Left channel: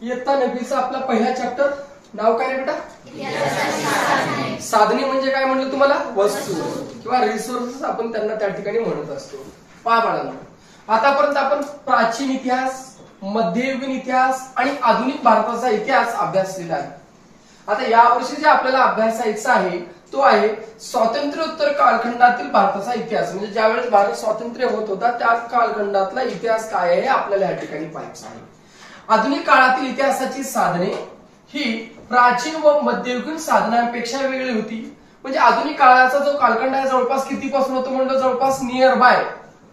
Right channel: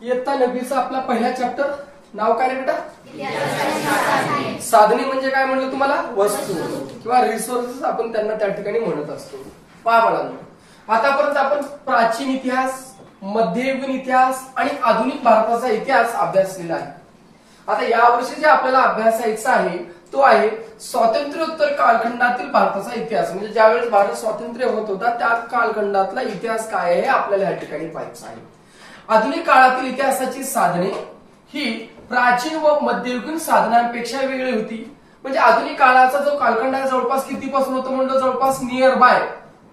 इयत्ता 9वीचा आपला पहिला चॅप्टर नाव काय रे बेटा? साधने म्हणजे काय म्हणलं तुम्हाला? वस्तू किंवा रिसोर्सेस आपण त्यांना त्या ठिकाणी म्हणत असतो. पहा बाळांनो, आतापर्यंत आपण प्राचीन इतिहास, मध्ययुगीन इतिहास आणि आधुनिक भारताचा इतिहास अभ्यासलेला आहे. आता यावर्षी जे आपल्याला अभ्यासायचा आहे तो आहे स्वातंत्र्योत्तर कालखंडातील भारताचा इतिहास. म्हणजे ज्यावेळेस भारत स्वातंत्र्य होत होता त्या कालखंडातला इतिहास काय आहे हे आपल्याला या ठिकाणी पाहायचं आहे. आधुनिक काळातील इतिहासाची साधने ही प्राचीन व मध्ययुगीन साधनांपेक्षा वेगळी होती. म्हणजे आधुनिक काळाचा जो कालखंड आहे जवळपास कितीपासून होतो म्हणलं? जवळपास नियर बाय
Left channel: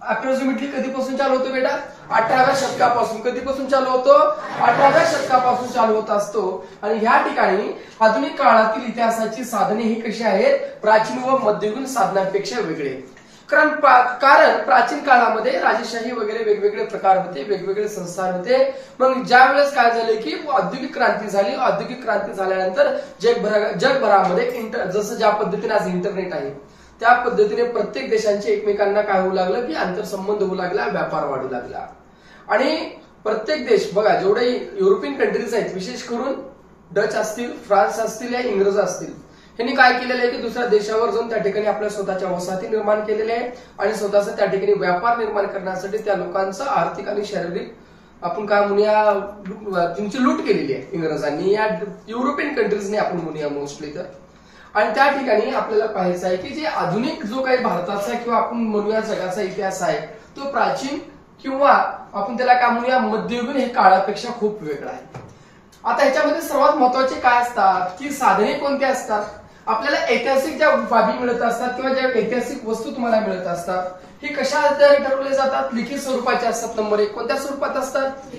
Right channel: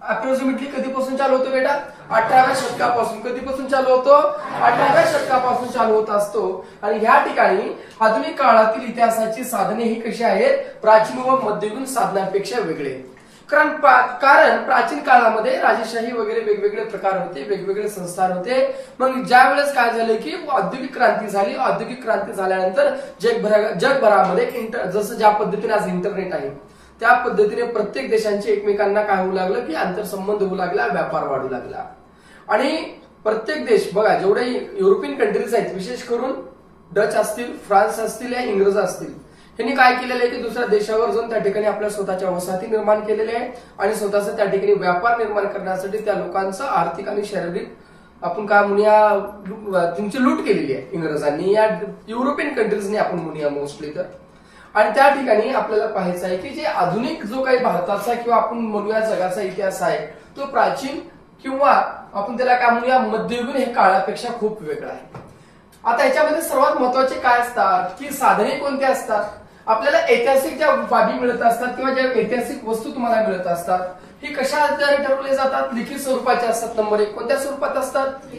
अप्रॉक्सिमेटली कधीपासून चालू होतो बेटा? 18व्या शतकापासून. कधीपासून चालू होतो? 18व्या शतकापासून चालू होत असतो. आणि ह्या ठिकाणी आधुनिक काळातील इतिहासाची साधने ही कशी आहेत? प्राचीन व मध्ययुगीन साधनांपेक्षा वेगळे. कारण प्राचीन काळामध्ये राजेशाही वगैरे वेगवेगळे प्रकार होते, वेगवेगळे संस्थान होते. मग ज्या वेळेस काय झाले की औद्योगिक क्रांती झाली. औद्योगिक क्रांती झाल्यानंतर जगभरामध्ये जसं ज्या पद्धतीने आज इंटरनेट आहे त्या पद्धतीने प्रत्येक देशांचे एकमेकांना काय होऊ लागलं की आंतरसंबंध होऊ लागला, व्यापार वाढू लागला. आणि प्रत्येक देश बघा, जेवढे युरोपियन कंट्रीज आहेत, विशेष करून डच असतील, फ्रान्स असतील या इंग्रज असतील, यांनी काय केलेलं आहे की दुसऱ्या देशावर जाऊन त्या ठिकाणी आपल्या स्वतःच्या वसाहती निर्माण केलेल्या आहे आणि स्वतःचा त्या ठिकाणी व्यापार निर्माण करण्यासाठी त्या लोकांचा आर्थिक आणि शारीरिक आपण काय म्हणूया त्यांची लूट केलेली आहे इंग्रजांनी या युरोपियन कंट्रीजने आपण म्हणूया मोस्टली तर. आणि त्या ठिकाणी आपल्याला पाहायचं आहे की जे आधुनिक जो काही भारताचा किंवा आपण म्हणूया जगाचा इतिहास आहे तो प्राचीन किंवा आपण त्याला काय म्हणूया मध्ययुगीन हे काळापेक्षा खूप वेगळा आहे. आता ह्याच्यामध्ये सर्वात महत्वाचे काय असतात की साधने कोणते असतात? आपल्याला ऐतिहासिक ज्या बाबी मिळत असतात किंवा ज्या ऐतिहासिक वस्तू तुम्हाला मिळत असतात हे कशा आधारे ठरवले जातात? लिखित स्वरूपाचे असतात. नंबर 1. कोणत्या स्वरूपात असतात?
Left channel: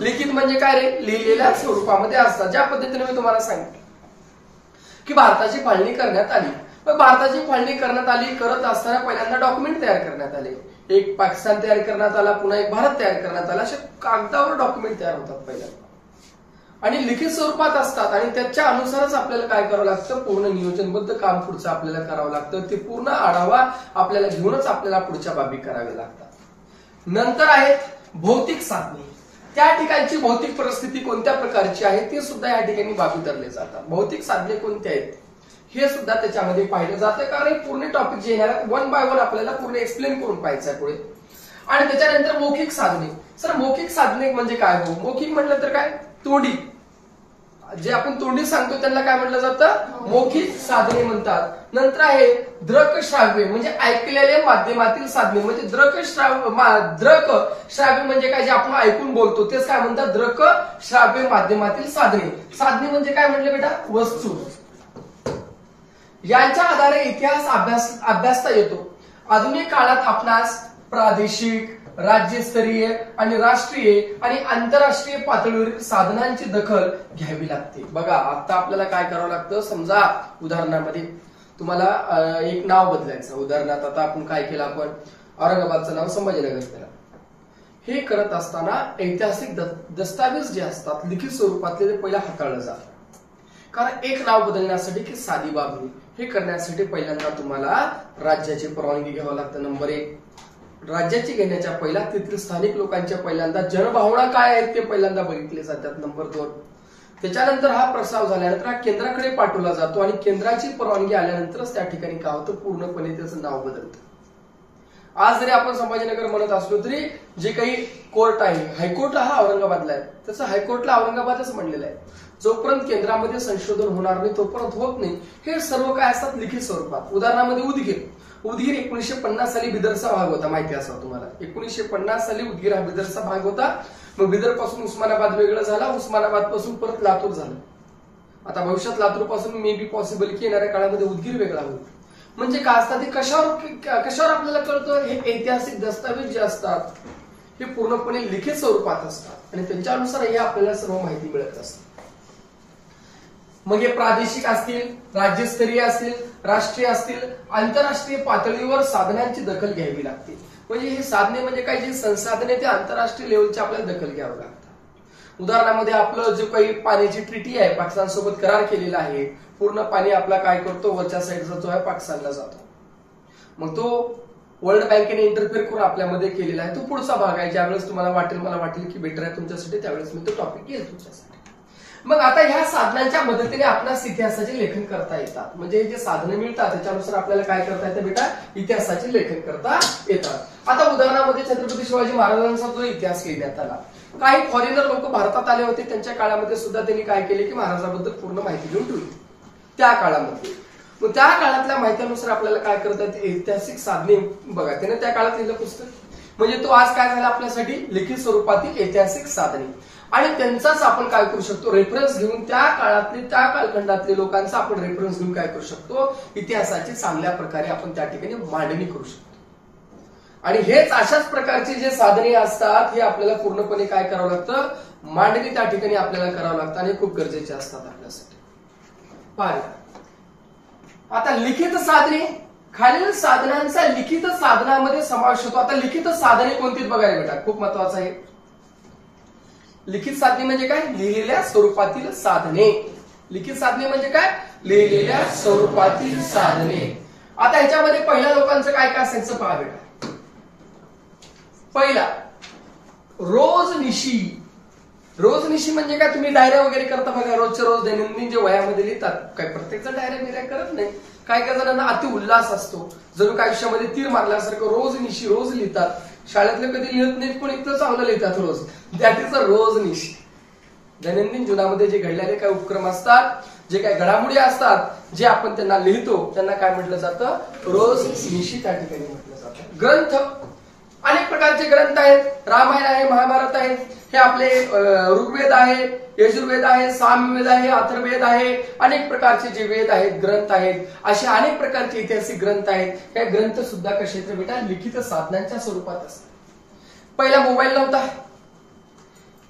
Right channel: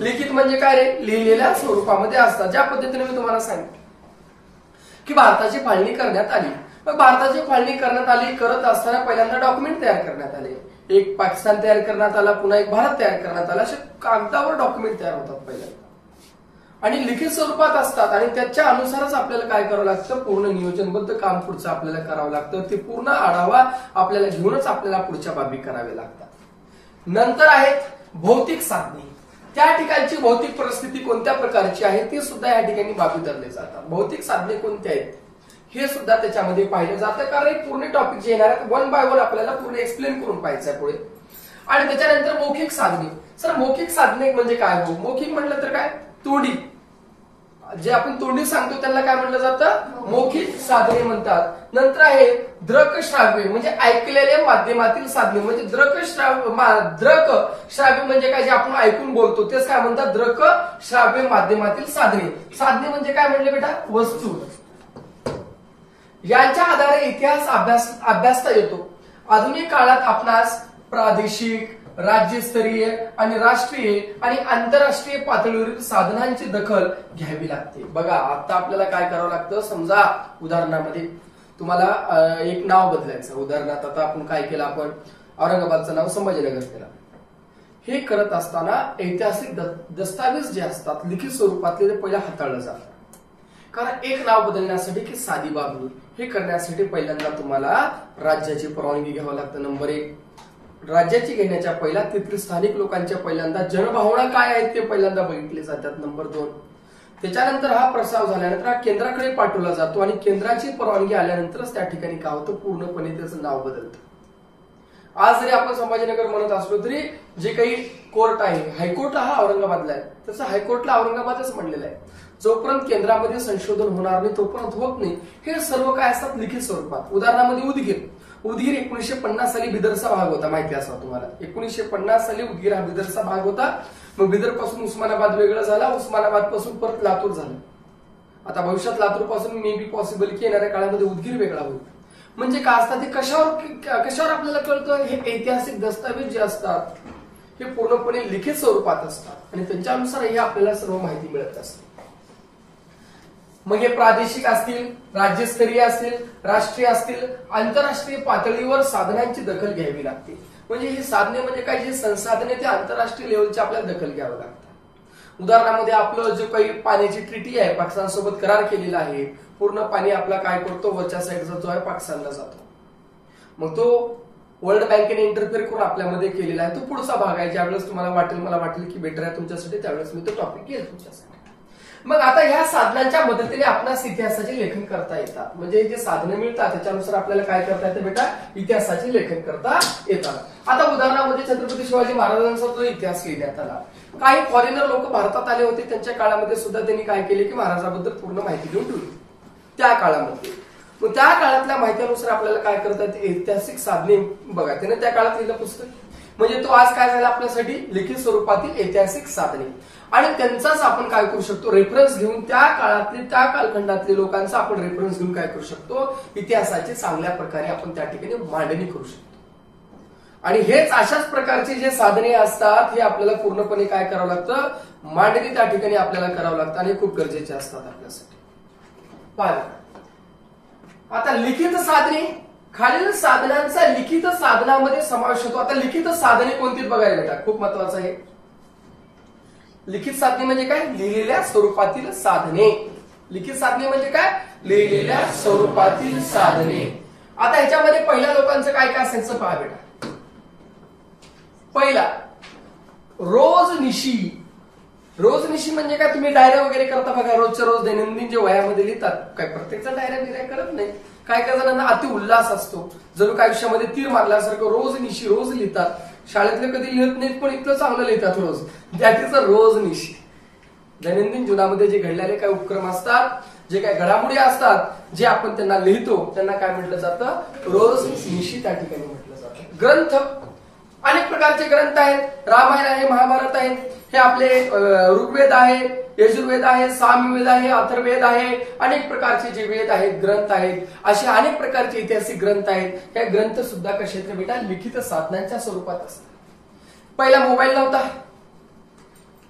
लिखित म्हणजे काय रे? लिहिलेल्या स्वरूपामध्ये असतात. ज्या पद्धतीने मी तुम्हाला सांगितलं की भारताची फाळणी करण्यात आली. मग भारताची फाळणी करण्यात आली, करत असताना पहिल्यांदा डॉक्युमेंट तयार करण्यात आले. एक पाकिस्तान तयार करण्यात आला, पुन्हा एक भारत तयार करण्यात आला. असे कागदावर डॉक्युमेंट तयार होतात पहिल्यांदा आणि लिखित स्वरूपात असतात. आणि त्याच्या अनुसारच आपल्याला काय करावं लागतं? पूर्ण नियोजनबद्ध काम पुढचं आपल्याला करावं लागतं. ते पूर्ण आढावा आपल्याला घेऊनच आपल्याला पुढच्या बाबी कराव्या लागतात. नंतर आहेत भौतिक साधने. त्या ठिकाणची भौतिक परिस्थिती कोणत्या प्रकारची आहे ते सुद्धा या ठिकाणी बाबी धरले जातात. भौतिक साधने कोणती आहेत हे सुद्धा त्याच्यामध्ये पाहिलं जातं. कारण पूर्ण टॉपिक जे येणार आहे 1 बाय 1 आपल्याला पूर्ण एक्सप्लेन करून पाहायचं आहे पुढे. आणि त्याच्यानंतर मौखिक साधने. सर मौखिक साधने म्हणजे काय? हो, मौखिक म्हटलं तर काय? तोंडी. जे आपण तोंडी सांगतो त्यांना काय म्हटलं जातं? मौखिक साधने म्हणतात. नंतर आहे दृक श्राव्य म्हणजे ऐकलेल्या माध्यमातील साधने. म्हणजे दृक श्राव्य म्हणजे काय? जे आपण ऐकून बोलतो तेच काय म्हणतात? दृक श्राव्य माध्यमातील साधने. साधने म्हणजे काय म्हटलं बेटा? वस्तू. यांच्या आधारे इतिहास अभ्यासता येतो. आधुनिक काळात आपणास प्रादेशिक, राज्यस्तरीय आणि राष्ट्रीय आणि आंतरराष्ट्रीय पातळीवरील साधनांची दखल घ्यावी लागते. बघा आता आपल्याला काय करावं लागतं? समजा उदाहरणामध्ये तुम्हाला एक नाव बदलायचं. उदाहरणार्थ आता आपण काय केलं? आपण औरंगाबादचं नाव संभाजीनगर केलं. हे करत असताना ऐतिहासिक दस्तावेज जे असतात लिखित स्वरूपातले ते पहिला हाताळलं जातं. कारण एक नाव बदलण्यासाठी की साधी बाब नाही, हे करण्यासाठी पहिल्यांदा तुम्हाला राज्याची परवानगी घ्यावं लागतं. नंबर 1. राज्याची घेण्याच्या पहिला तिथील स्थानिक लोकांच्या पहिल्यांदा जनभावना काय आहेत ते पहिल्यांदा बघितले जातात. नंबर 2. त्याच्यानंतर हा प्रस्ताव झाल्यानंतर हा केंद्राकडे पाठवला जातो आणि केंद्राची परवानगी आल्यानंतरच त्या ठिकाणी काय होतं? पूर्णपणे त्याचं नाव बदलतं. आज जरी आपण संभाजीनगर म्हणत असलो तरी जे काही कोर्ट आहे, हायकोर्ट हा औरंगाबादला आहे, त्याचं हायकोर्टला औरंगाबादच म्हणलेलं आहे. जोपर्यंत केंद्रामध्ये संशोधन होणार नाही तोपर्यंत होत नाही. हे सर्व काय असतात? लिखित स्वरूपात. उदाहरणामध्ये उदगीर 1950 साली बिदरचा भाग होता, माहिती असावं तुम्हाला. 1950 साली उदगीर हा बिदरचा भाग होता. मग बिदर पासून उस्मानाबाद वेगळं झाला, उस्मानाबाद पासून परत लातूर झालं. आता भविष्यात लातूर पासून मे बी पॉसिबल की येणाऱ्या काळामध्ये उदगीर वेगळा होईल. म्हणजे काय असतात ते? कशावर आपल्याला कळतं? हे ऐतिहासिक दस्तावेज जे असतात हे पूर्णपणे लिखित स्वरूपात असतात आणि त्यांच्यानुसार हे आपल्याला सर्व माहिती मिळत असते. मग हे प्रादेशिक असतील, राज्यस्तरीय असतील, राष्ट्रीय असतील, आंतरराष्ट्रीय पातळीवर साधनांची दखल घ्यावी लागते. म्हणजे ही साधने म्हणजे काय? जी संसाधने ते आंतरराष्ट्रीय लेवलची आपल्याला दखल घ्यावी लागतात. उदाहरणामध्ये आपलं जो काही पाण्याची ट्रिटी आहे, पाकिस्तान सोबत करार केलेला आहे, पूर्ण पाणी आपला काय करतो? वरच्या साईडचा जो आहे पाकिस्तानला जातो. मग तो वर्ल्ड बँकेने इंटरफेअर करून आपल्यामध्ये केलेला आहे. तो पुढचा भाग आहे. ज्यावेळेस तुम्हाला मला वाटेल की बेटर आहे तुमच्यासाठी त्यावेळेस मी तो टॉपिक घेईल तुमच्यासाठी. मग आता ह्या साधनांच्या मदतीने आपणास इतिहासाचे लेखन करता येतात. म्हणजे जे साधनं मिळतात त्याच्यानुसार आपल्याला काय करता येतं बेटा, इतिहासाचे लेखन करता येतात. आता उदाहरणामध्ये छत्रपती शिवाजी महाराजांचा जो इतिहास लिहिण्यात आला, काही फॉरेनर लोक भारतात आले होते, त्यांच्या काळामध्ये सुद्धा त्यांनी काय केले की महाराजांबद्दल पूर्ण माहिती घेऊन ठेवली त्या काळामध्ये. मग त्या काळातल्या माहितीनुसार आपल्याला काय करतात, ऐतिहासिक साधने बघा. त्याने त्या काळात लिहिलं पुस्तक, म्हणजे तो आज काय झाला आपल्यासाठी लिखित स्वरूपातील ऐतिहासिक साधने. आणि त्यांचाच आपण काय करू शकतो, रेफरन्स घेऊन त्या काळातले त्या कालखंडातले लोकांचा आपण रेफरन्स घेऊन काय करू शकतो, इतिहासाची चांगल्या प्रकारे आपण त्या ठिकाणी मांडणी करू शकतो. आणि हेच अशाच प्रकारचे जे साधने असतात हे आपल्याला पूर्णपणे काय करावं लागतं, मांडणी त्या ठिकाणी आपल्याला करावं लागतं आणि खूप गरजेचे असतात आपल्यासाठी. पहा आता लिखित साधने, खालील साधनांचा लिखित साधनामध्ये समावेश होतो. आता लिखित साधने कोणती बघायला बेटा, खूप महत्वाचं आहे. लिखित साधने म्हणजे काय, लिहिलेल्या स्वरूपातील साधने. लिखित साधने म्हणजे काय, लिहिलेल्या स्वरूपातील साधने. आता ह्याच्यामध्ये पहिल्या लोकांचं काय काय असायचं पहा बेटा. पहिला रोजनिशी. रोजनिशी म्हणजे काय, तुम्ही डायऱ्या वगैरे करता बघा, रोजच्या रोज दैनंदिन जे वयामध्ये लिहितात. काय प्रत्येक जण डायऱ्या बिऱ्या करत नाही. काय काय जणांना अति उल्हास असतो, जणू काय आयुष्यामध्ये तीर मारल्यासारखं रोजनिशी रोज लिहितात. शाळेतले कधी लिहित नाहीत पण इतकं चांगलं लिहितात रोज. दॅट इज अ रोजनिशी. दैनंदिन जीवनामध्ये जे घडलेले काही उपक्रम असतात, जे काही घडामोडी असतात, जे आपण त्यांना लिहितो त्यांना काय म्हटलं जातं, रोजनिशी त्या ठिकाणी म्हटलं जातं. ग्रंथ, अनेक प्रकारचे ग्रंथ आहेत. रामायण आहे, महाभारत आहे, हे आपले ऋग्वेद आहे, यजुर्वेद आहे, सामवेद आहे, अथर्ववेद आहे. अनेक प्रकारचे जे वेद आहेत, ग्रंथ आहेत, असे अनेक प्रकारचे ऐतिहासिक ग्रंथ आहेत. हे ग्रंथ सुद्धा कसे आहेत बेटा, लिखित साधनांच्या स्वरूपात असतात. पहिला मोबाईल नव्हता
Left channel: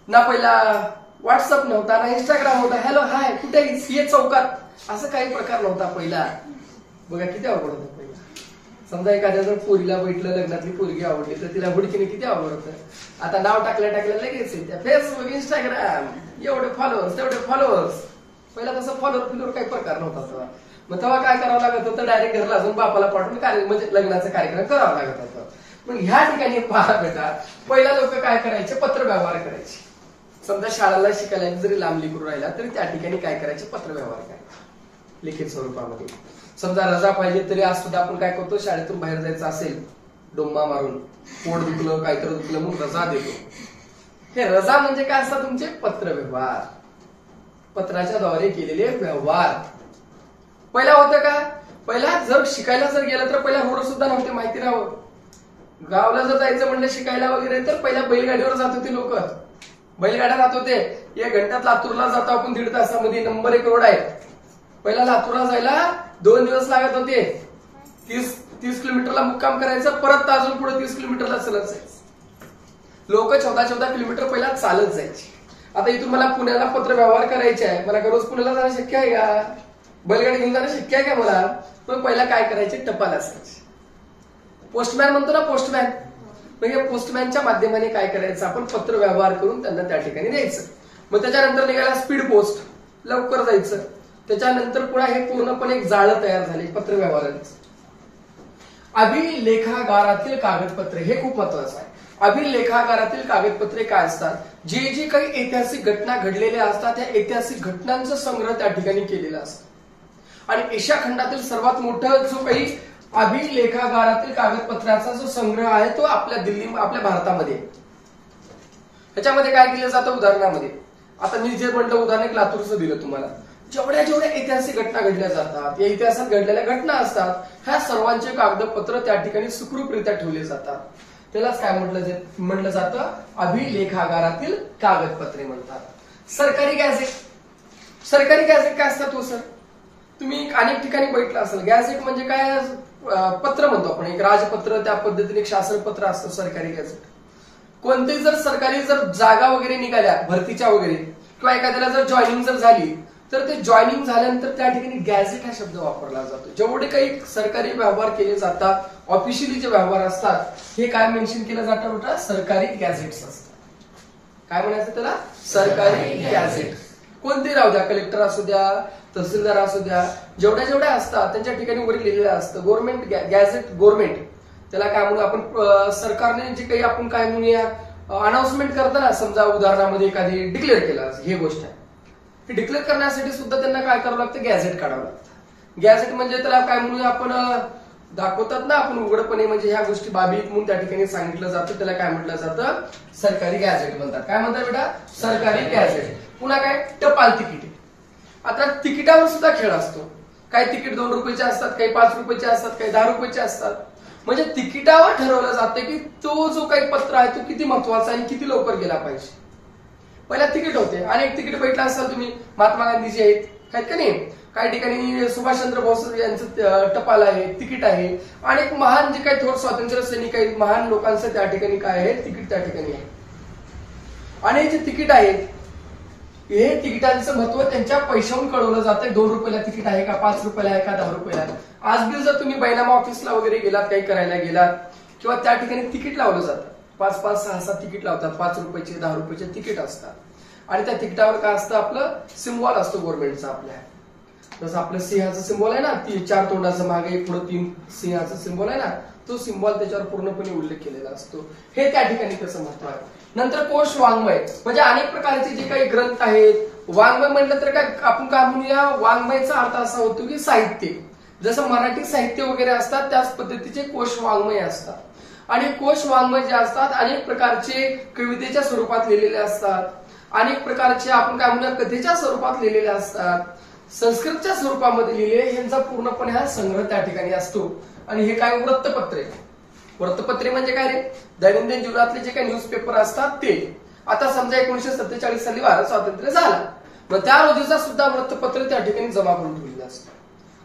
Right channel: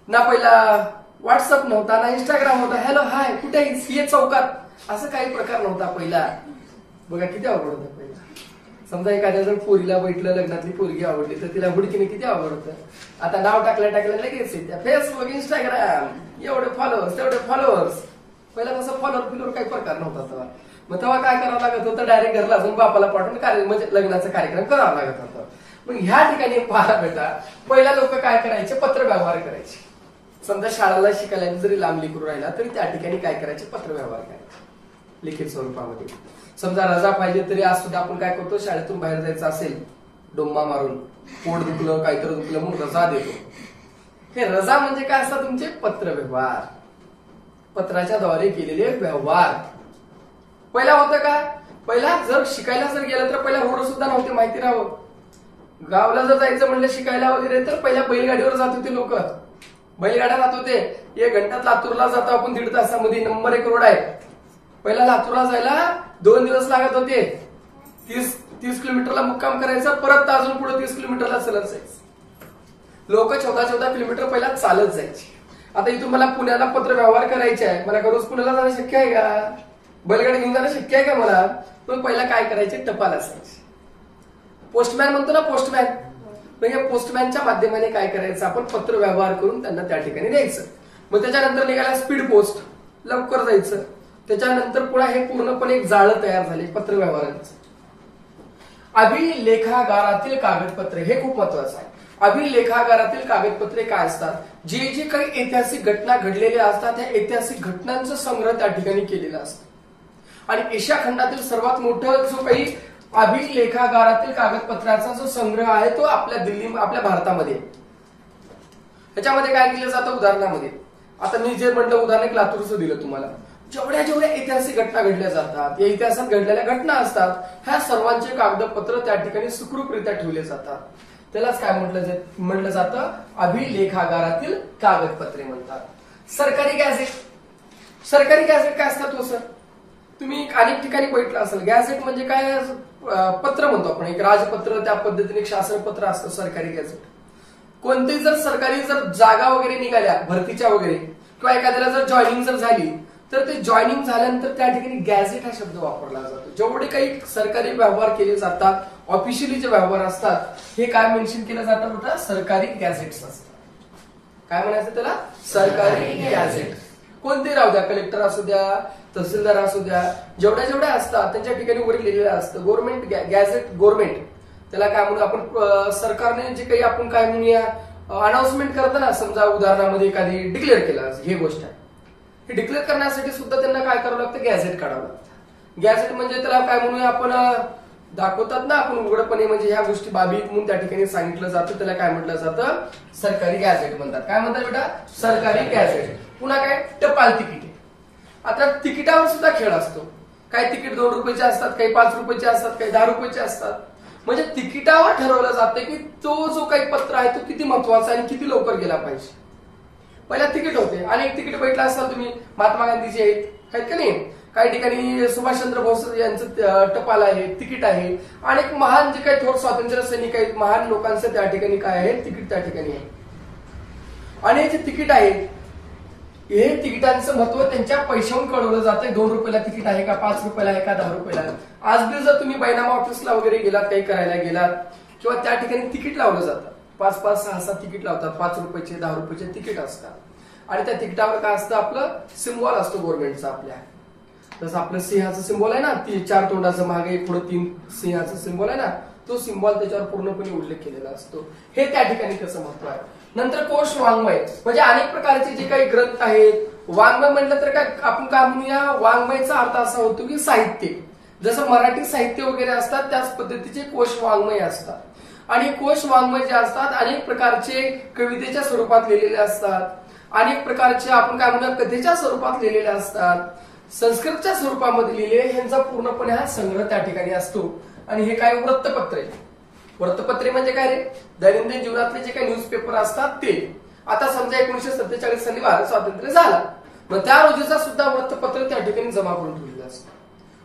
ना, पहिला व्हॉट्सअप नव्हता ना, इंस्टाग्राम होता, हॅलो हाय कुठे ये चौकात, असं काही प्रकार नव्हता पहिला. बघा किती अवघड होतं पहिला. समजा एखाद्या जर पोरीला बैठलं, लग्नातली पोरगी आवडली तर तिला हुडकीने किती आवड होतं. आता नाव टाकल्या लगेच येत्या फेसबुक, इंस्टाग्राम, एवढे फॉलोअर्स तेवढे फॉलोअर्स. पहिला तसं फॉलोअर फिलोअर काही प्रकार नव्हता तेव्हा. मग तेव्हा काय करावं लागत होतं, डायरेक्ट घरला जाऊन बापाला पाठवून म्हणजे लग्नाचा कार्यक्रम करावा लागत होता. मग ह्या ठिकाणी पहा बेटा, पहिला लोक काय करायचे, पत्र व्यवहार करायचे. समजा शाळेला शिकायला जरी लांब लेकरू राहिला तरी त्या ठिकाणी काय करायचे, पत्र व्यवहार करायचे लिखित स्वरूपामध्ये. समजा रजा पाहिजे तरी आज सुद्धा आपण काय करतो, शाळेतून बाहेर जायचं असेल डोंबा मारून, पोट दुखलं काहीतरी दुखलं म्हणून रजा देतो. हे रजा म्हणजे काय असतात तुमचे, पत्र व्यवहार, पत्राच्या द्वारे केलेले व्यवहार. पहिला होतं का, पहिला जर शिकायला जर गेलं तर पहिला रोड सुद्धा नव्हते माहिती राहावं. गावाला जर जायचं म्हणलं शिकायला वगैरे तर पहिल्या बैलगाडीवर जात होते लोक, बैलगाड्या जात होते. 1 घंट्यात लातूरला जातो आपण, 1.5 तासामध्ये. नंबर 1 रोड आहे. पहिला लातूरला जायला 2 दिवस लागत होते. 30 किलोमीटरला मुक्काम करायचा, परत अजून पुढे 30 किलोमीटरला चालत जायचं. लोक 14 किलोमीटर पहिला चालत जायचे. आता इथून मला पुण्याला पत्र व्यवहार करायचे आहे, मला रोज पुण्याला जाणं शक्य आहे का, बैलगाडी घेऊन जाणं शक्य आहे का मला. पण पहिला काय करायचे, टपाल असायचे. पोस्टमॅन म्हणतो ना, पोस्टमॅन. म्हणजे पोस्टमॅनच्या माध्यमाने काय करायचं, आपण पत्र व्यवहार करून त्यांना त्या ठिकाणी द्यायचं. मग त्याच्यानंतर निघाला स्पीड पोस्ट, लवकर जायचं. त्याच्यानंतर पुन्हा हे पूर्णपणे एक जाळं तयार झाले पत्र व्यवहाराचं. अभिलेखागारातील कागदपत्रे, हे खूप महत्वाचं आहे. अभिलेखागारातील कागदपत्रे काय असतात, जे जे काही ऐतिहासिक घटना घडलेल्या असतात त्या ऐतिहासिक घटनांचा संग्रह त्या ठिकाणी केलेला असतो. आणि एशिया खंडातील सर्वात मोठं जो काही अभिलेखागारातील कागदपत्राचा जो संग्रह आहे तो आपल्या भारतामध्ये. ह्याच्यामध्ये काय केलं जातं, उदाहरणामध्ये आता मी जे म्हटलं उदाहरण एक लातूरचं दिलं तुम्हाला. जेवढ्या ऐतिहासिक घटना घडल्या जातात, या इतिहासात घडलेल्या घटना असतात, ह्या सर्वांचे कागदपत्र त्या ठिकाणी सुखरूपरित्या ठेवले जातात. त्यालाच काय म्हटलं जातं, अभिलेखागारातील कागदपत्रे म्हणतात. सरकारी गॅझेट, सरकारी गॅझेट काय असतात हो सर, तुम्ही अनेक ठिकाणी बघितलं असेल. गॅझेट म्हणजे काय, पत्र म्हणतो आपण, एक राजपत्र, त्या पद्धतीने एक शासनपत्र असतं सरकारी गॅझेट. कोणतेही जर सरकारी जर जागा वगैरे निघाल्या भरतीच्या वगैरे, किंवा एखाद्याला जर जॉईनिंग जर झाली तर ते जॉईनिंग झाल्यानंतर त्या ठिकाणी गॅझेट हा शब्द वापरला जातो. जेवढे काही सरकारी व्यवहार केले जातात, ऑफिशियली जे व्यवहार असतात, हे काय मेन्शन केलं जातं बेटा, सरकारी गॅझेट्स असतात. काय म्हणायचं त्याला, सरकारी गॅझेट. कोणते राहू द्या, कलेक्टर असू द्या, तहसीलदार असू द्या, जेवढ्या असतात त्यांच्या ठिकाणी वगैरे लिहिलेलं असतं. गव्हर्नमेंट गॅझेट, गव्हर्नमेंट त्याला काय म्हणू आपण, सरकारने जे काही आपण काय म्हणूया अनाउन्समेंट करताना, समजा उदाहरणामध्ये एखादी डिक्लेअर केला ही गोष्ट आहे, हे डिक्लेअर करण्यासाठी सुद्धा त्यांना काय करावं लागतं, गॅझेट काढावं लागतं. गॅझेट म्हणजे त्याला काय म्हणूया आपण, दाखवतात ना आपण उघडपणे, म्हणजे ह्या गोष्टी बाबी म्हणून त्या ठिकाणी सांगितलं जातं, त्याला काय म्हटलं जातं, सरकारी गॅझेट म्हणतात. काय म्हणतात बेटा, सरकारी गॅझेट. पुन्हा काय, टपाल तिकीट. आता तिकिटावर सुद्धा खेळ असतो. काही तिकीट 2 रुपयाचे असतात, काही 5 रुपयाचे असतात, काही 10 रुपयाचे असतात. म्हणजे तिकिटावर ठरवलं जातं की तो जो काही पत्र आहे तो किती महत्वाचा आहे आणि किती लवकर गेला पाहिजे. पहिला तिकीट होते, अनेक तिकीट बघितलं असाल तुम्ही, महात्मा गांधीचे आहेत का नाही, काही ठिकाणी सुभाषचंद्र बोस यांचं टपाल आहे, तिकीट आहे. अनेक महान जे काही थोर स्वातंत्र्य सैनिक आहेत, महान लोकांचं त्या ठिकाणी काय आहे, तिकीट त्या ठिकाणी आहे. अनेक जे तिकीट आहेत, हे तिकिटांचं महत्व त्यांच्या पैशाहून कळवलं जातं. 2 रुपयाला तिकीट आहे का, 5 रुपयाला आहे का, 10 रुपयाला. आज बी जर तुम्ही बैनामा ऑफिसला वगैरे गेलात, काही करायला गेलात, किंवा त्या ठिकाणी तिकीट लावलं जातं. 5-5, 6-6 तिकीट लावतात. 5 रुपयाचे, 10 रुपयाचे तिकीट असतात. आणि त्या तिकिटावर काय असतं, आपलं सिम्बॉल असतो गव्हर्नमेंटचा. आपल्या जसं आपलं सिंहाचं सिम्बॉल आहे ना, 4 तोंडाचं मागे पुढे 3 सिंहाचं सिम्बॉल आहे ना, तो सिम्बॉल त्याच्यावर पूर्णपणे उल्लेख केलेला असतो. हे त्या ठिकाणी त्याचं महत्व आहे. नंतर कोश वाङ्मय, म्हणजे अनेक प्रकारचे जे काही ग्रंथ आहेत. वाङ्मय म्हटलं तर काय आपण काय म्हणूया, वाङ्मयचा अर्थ असा होतो की साहित्य. जसं मराठी साहित्य वगैरे असतात त्याच पद्धतीचे कोश वाङ्मय असतात. आणि कोश वाङ्मय जे असतात अनेक प्रकारचे कवितेच्या स्वरूपात लिहिलेले असतात, अनेक प्रकारचे आपण काय म्हणूया कथेच्या स्वरूपात लिहिलेले असतात, संस्कृतच्या स्वरूपामध्ये लिहिलेले. यांचा पूर्णपणे हा संग्रह त्या ठिकाणी असतो. आणि हे काय वृत्तपत्रे. वृत्तपत्रे म्हणजे काय रे, दैनंदिन जीवनातले जे काही न्यूजपेपर असतात ते. आता समजा 1947 साली भारत स्वातंत्र्य झाला, मग त्या रोजीचा सुद्धा वृत्तपत्र त्या ठिकाणी जमा करून ठेवलेलं असतं.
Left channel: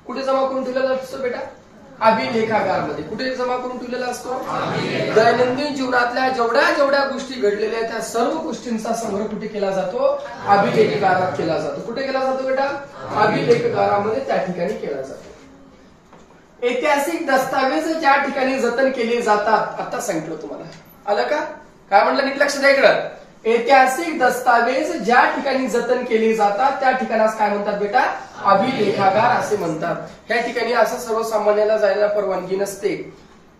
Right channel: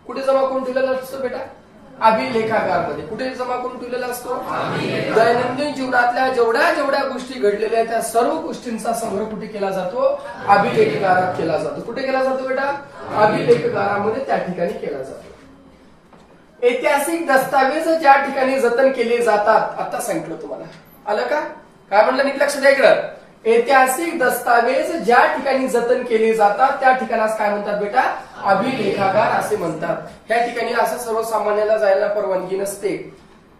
कुठे जमा करून ठेवलेलं असतं बेटा, अभिलेखागारमध्ये. कुठे जमा करून ठेवलेला असतो, दैनंदिन जीवनातल्या जेवढ्या जेवढ्या गोष्टी घडलेल्या त्या सर्व गोष्टींचा संग्रह कुठे केला जातो, अभिलेखागारात केला जातो. कुठे केला जातो बेटा, अभिलेखागारामध्ये त्या ठिकाणी केला जातो. ऐतिहासिक दस्तावेज ज्या ठिकाणी जतन केले जातात, आता सांगितलं तुम्हाला, आलं का, काय म्हणलं नीट लक्ष द्या इकडं. ऐतिहासिक दस्तावेज ज्या ठिकाणी जतन केले जातात त्या ठिकाणास काय म्हणतात बेटा, अभिलेखागार असे म्हणतात. ह्या ठिकाणी असं सर्वसामान्याला जायला परवानगी नसते,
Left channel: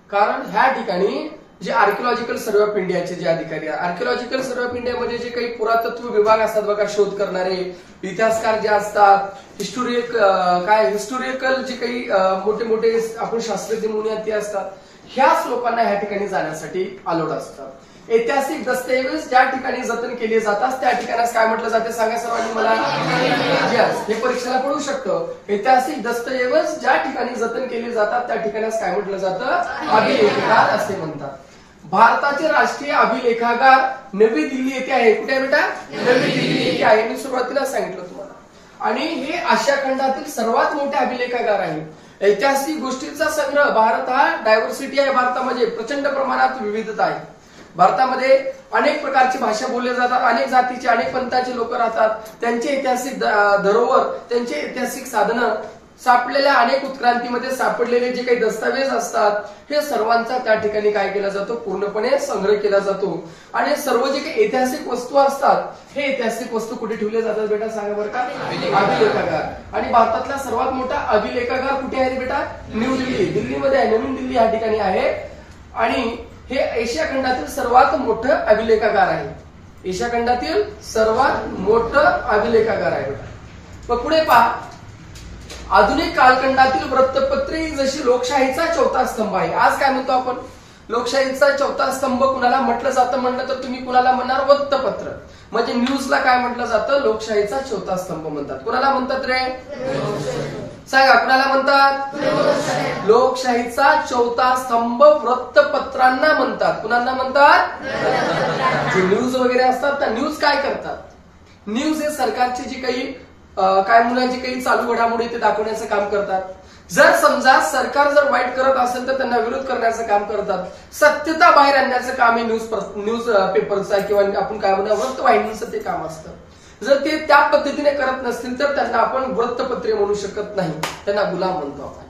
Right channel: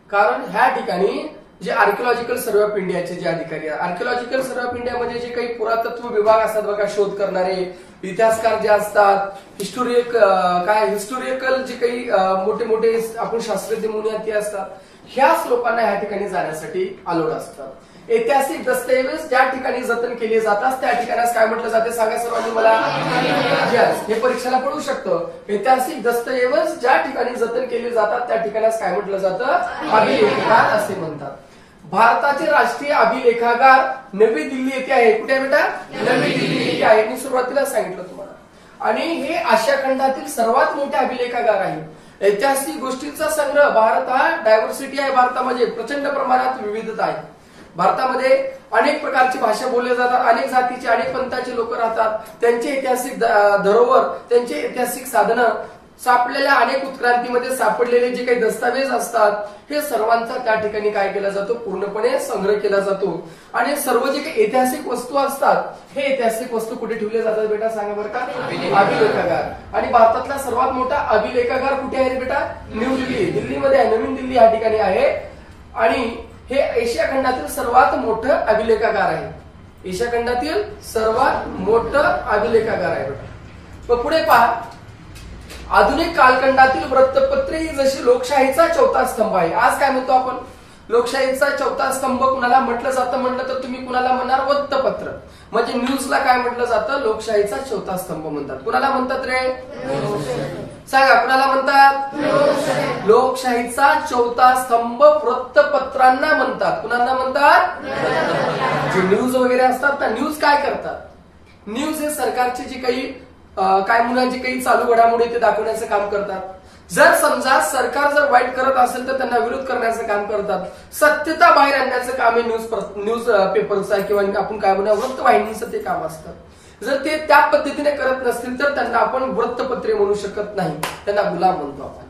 कारण ह्या ठिकाणी जे आर्किओलॉजिकल सर्व्हे ऑफ इंडियाचे जे अधिकारी आहेत, आर्किओलॉजिकल सर्व्हे ऑफ इंडियामध्ये जे काही पुरातत्व विभाग असतात बघा, शोध करणारे इतिहासकार जे असतात, हिस्टोरिकल जे काही मोठे मोठे आपण शास्त्रज्ञ म्हणूया ते असतात, ह्याच लोकांना ह्या ठिकाणी जाण्यासाठी अलाउड असतात. ऐतिहासिक दस्तऐवज ज्या ठिकाणी जतन केले जातात त्या ठिकाणास काय म्हटलं जाते, सांगा सर्वांनी मला. हे परीक्षेला पडू शकतं. ऐतिहासिक दस्तऐवज ज्या ठिकाणी जतन केले जातात त्या ठिकाणास काय म्हटलं जातं, अभिलेखागार असे म्हणतात. भारताचे राष्ट्रीय अभिलेखागार नवी दिल्ली येथे आहे. कुठे आहे बेटा, नवी दिल्ली येथे आहे. मी सुरुवातीला सांगितलं तुम्हाला. आणि हे आशिया खंडातील सर्वात मोठे अभिलेखागार आहे. ऐतिहासिक गोष्टींचा संग्रह. भारत हा डायव्हर्सिटी आहे, भारतामध्ये प्रचंड प्रमाणात विविधता आहे. भारतामध्ये अनेक प्रकारची भाषा बोलल्या जातात, अनेक जातीचे अनेक पंथाचे लोक राहतात. त्यांचे ऐतिहासिक धरोहर, त्यांचे ऐतिहासिक साधनं, सापडलेल्या अनेक उत्क्रांतीमध्ये सापडलेले जे काही दस्तावेज असतात, हे सर्वांचा त्या ठिकाणी काय केला जातो, पूर्णपणे संग्रह केला जातो. आणि सर्व जे काही ऐतिहासिक वस्तू असतात, हे ऐतिहासिक वस्तू कुठे ठेवल्या जातात बेटा, सांगा बरं का, अभिलेखागार. आणि भारतातला सर्वात मोठा अभिलेखागार कुठे आहे बेटा, न्यू दिल्ली, दिल्लीमध्ये आहे, नवीन दिल्ली या ठिकाणी आहे. आणि हे एशिया खंडातील सर्वात मोठं अभिलेखागार आहे. एशिया खंडातील सर्वात मोठं अभिलेखागार आहे बेटा. मग पुढे पहा, आधुनिक कालखंडातील वृत्तपत्रे जशी लोकशाहीचा चौथा स्तंभ आहे. आज काय म्हणतो आपण, लोकशाहीचा चौथा स्तंभ कुणाला म्हटलं जातं म्हणलं तर तुम्ही कुणाला म्हणणार, वृत्तपत्र. म्हणजे न्यूजला काय म्हटलं जातं, लोकशाहीचा चौथा स्तंभ म्हणतात. कुणाला म्हणतात रे, सांगा कुणाला म्हणतात, लोकशाहीचा चौथा स्तंभ वृत्तपत्रांना म्हणतात. कुणाला म्हणतात, जे न्यूज वगैरे असतात ना, न्यूज काय करतात, न्यूज हे सरकारचे जे काही काय म्हणून जे काही चालू घडामोडी ते दाखवण्याचं काम करतात. जर समजा सरकार जर वाईट करत असेल तर त्यांना विरोध करण्याचं काम करतात. सत्यता बाहेर आणण्याचं काम हे न्यूज पेपरचं किंवा आपण काय म्हणूया वृत्तवाहिनीचं ते काम असतं. जर ते त्या पद्धतीने करत नसतील तर त्यांना आपण वृत्तपत्रे म्हणू शकत नाही, त्यांना गुलाम म्हणतो आपण.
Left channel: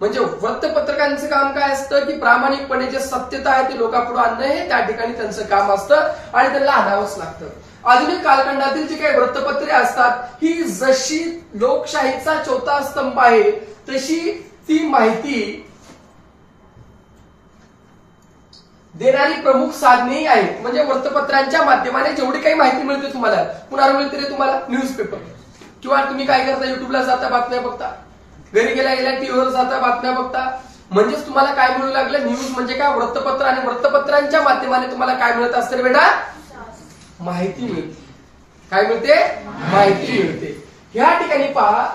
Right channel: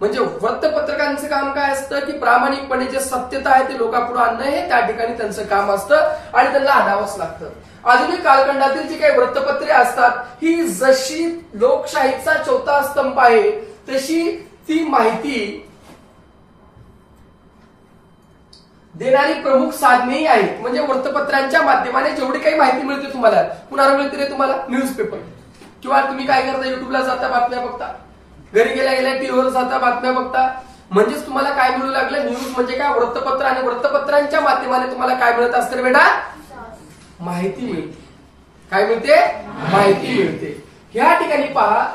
म्हणजे वृत्तपत्रकांचं काम काय असतं की प्रामाणिकपणे जे सत्यता आहे ते लोकांपुढे आणणं हे त्या ठिकाणी त्यांचं काम असतं आणि त्यांना आणावंच लागतं. आधुनिक कालखंडातील जी काही वृत्तपत्रे असतात ही जशी लोकशाहीचा चौथा स्तंभ आहे तशी ती माहिती देणारी प्रमुख साधनेही आहेत. म्हणजे वृत्तपत्रांच्या माध्यमाने जेवढी काही माहिती मिळते तुम्हाला, कुणावर मिळते रे तुम्हाला? न्यूजपेपर. किंवा तुम्ही काय करता, युट्यूबला जाता बातम्या बघता, घरी गेल्या गेल्या टीव्हीवर जाता बातम्या बघता. म्हणजेच तुम्हाला काय मिळू लागलं? न्यूज म्हणजे काय? वृत्तपत्र. आणि वृत्तपत्रांच्या माध्यमाने तुम्हाला काय मिळत असतं रे बेटा? माहिती मिळते. काय मिळते? माहिती मिळते. ह्या ठिकाणी पहा,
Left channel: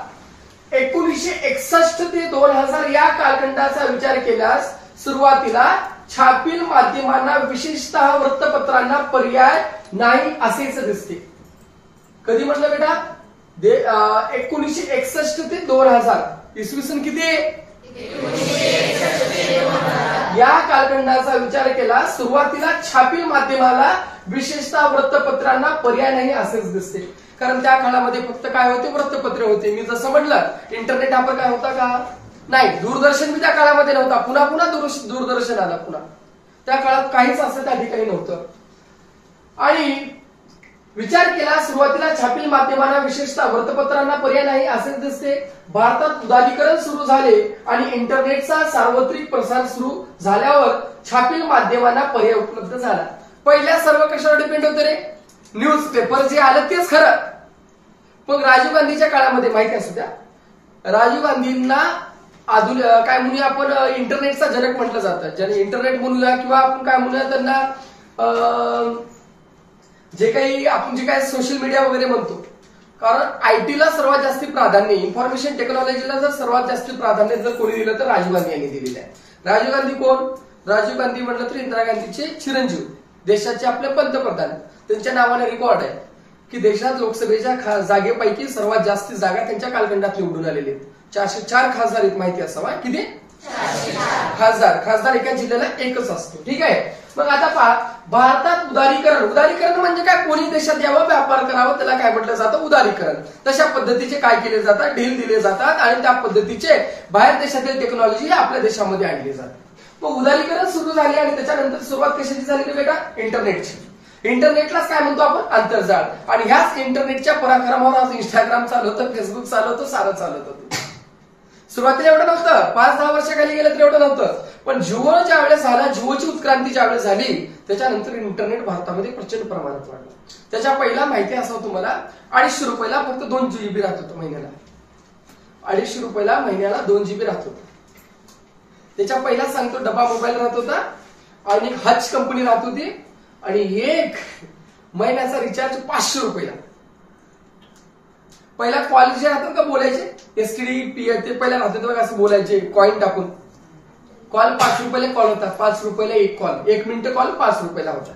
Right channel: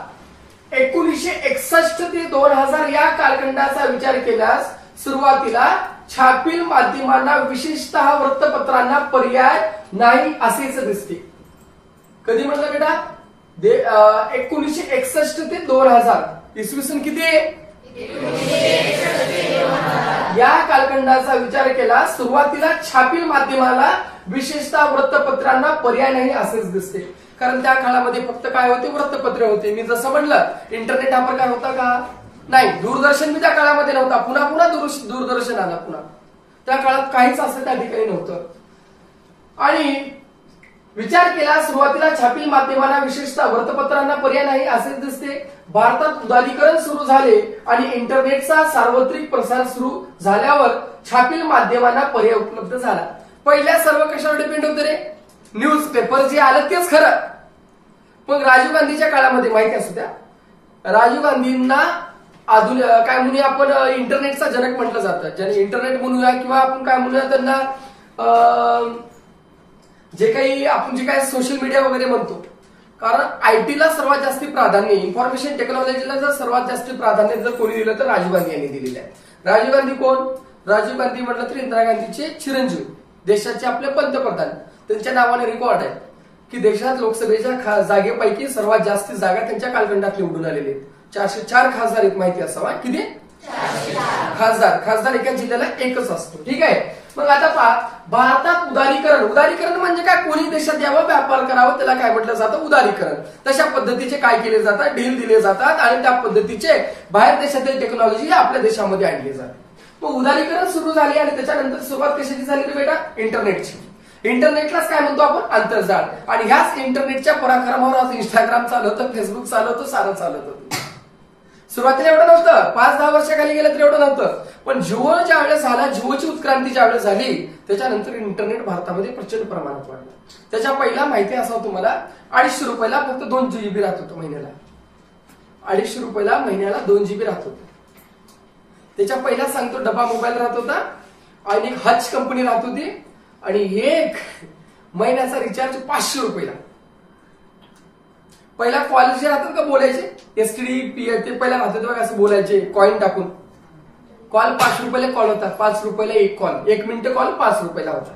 1961 ते 2000 या कालखंडाचा विचार केल्यास सुरुवातीला छापील माध्यमांना, विशेषतः वृत्तपत्रांना पर्याय नाही असेच दिसते. कधी म्हटलं बेटा? 1961 ते 2000. इसवी सन किती? या कालखंडाचा विचार केला, सुरुवातीला छापील माध्यमाला, विशेषतः वृत्तपत्रांना पर्याय नाही असेच दिसते. कारण त्या काळामध्ये फक्त काय होते? वृत्तपत्र होते. मी जसं म्हटलं, इंटरनेट हा प्रकार होता का? नाही. दूरदर्शन मी त्या काळामध्ये नव्हता. पुन्हा दूरदर्शन आला. पुन्हा त्या काळात काहीच असं त्या ठिकाणी नव्हतं. आणि विचार केला, सुरुवातीला छापील माध्यमांना, विशेषतः वृत्तपत्रांना पर्याय नाही असेच दिसते. भारतात उदारीकरण सुरू झाले आणि इंटरनेटचा सार्वत्रिक प्रसार सुरू झाल्यावर छापील माध्यमांना पर्याय उपलब्ध झाला. पहिल्या सर्व कशावर डिपेंड होते रे? न्यूजपेपर. जे आलं तेच खरं. पण राजीव गांधीच्या काळामध्ये माहिती असू द्या, राजीव गांधींना काय म्हणूया आपण, इंटरनेटचा जनक म्हटलं जातं. ज्याने इंटरनेट म्हणूया किंवा आपण काय म्हणूया त्यांना, जे काही सोशल मीडिया वगैरे म्हणतो. कारण आयटीला सर्वात जास्त प्राधान्य, इन्फॉर्मेशन टेक्नॉलॉजीला जर सर्वात जास्त प्राधान्य जर कोणी दिलं तर राजीव गांधी यांनी दिलेलं आहे. राजीव गांधी कोण? राजीव गांधी म्हटलं तर इंदिरा गांधीचे चिरंजीव, देशाचे आपले पंतप्रधान. त्यांच्या नावाने रेकॉर्ड आहे की देशात लोकसभेच्या जागेपैकी सर्वात जास्त जागा त्यांच्या कालखंडात निवडून आलेले आहेत. 404 खासदार आहेत. माहिती असावा. किती? खासदार एका जिल्ह्याला एकच असतो. ठीक आहे. मग आता पहा, भारतात उदारीकरण म्हणजे काय? कोणी देशात यावं, व्यापार करावं, त्याला काय म्हटलं जातं? उदारीकरण. तशा पद्धतीचे काय केले जातात? डील दिले जातात आणि त्या पद्धतीचे बाहेर देशातील टेक्नॉलॉजी आपल्या देशामध्ये आणली जाते. मग उदारीकरण सुरू झाले आणि त्याच्यानंतर सुरुवात कशाची झाली बेटा? इंटरनेटची. इंटरनेटलाच काय म्हणतो आपण? आंतरजाळ. आणि ह्याच इंटरनेटच्या पराक्रमावर आज इंस्टाग्राम चालवतं, फेसबुक चालवतं, सारं चालत होतं. सुरुवातीला एवढं नव्हतं. 5-10 वर्षाखाली गेलं तर एवढं नव्हतं. पण जिओ ज्या वेळेस झाला, जिओची उत्क्रांती ज्या वेळेस झाली, त्याच्यानंतर इंटरनेट भारतामध्ये प्रचंड प्रमाणात वाढलं. त्याच्या पहिला माहिती असावं तुम्हाला, 250 रुपयाला फक्त 2 GB राहत होतं महिन्याला. 250 रुपयाला महिन्याला 2 GB राहत होतं. त्याच्या पहिला सांगतो, डबा मोबाईल राहत होता आणि एक हच कंपनी राहत होती आणि एक महिन्याचा रिचार्ज 500 रुपयाला. पहिला कॉल जे राहतात का बोलायचे, एसटीडी ते पहिला राहत होते बघा, असं बोलायचे कॉइन टाकून. कॉल 5 रुपयाला कॉल होता. 5 रुपयाला एक कॉल, 1 मिनिट कॉल 5 रुपयाला होता.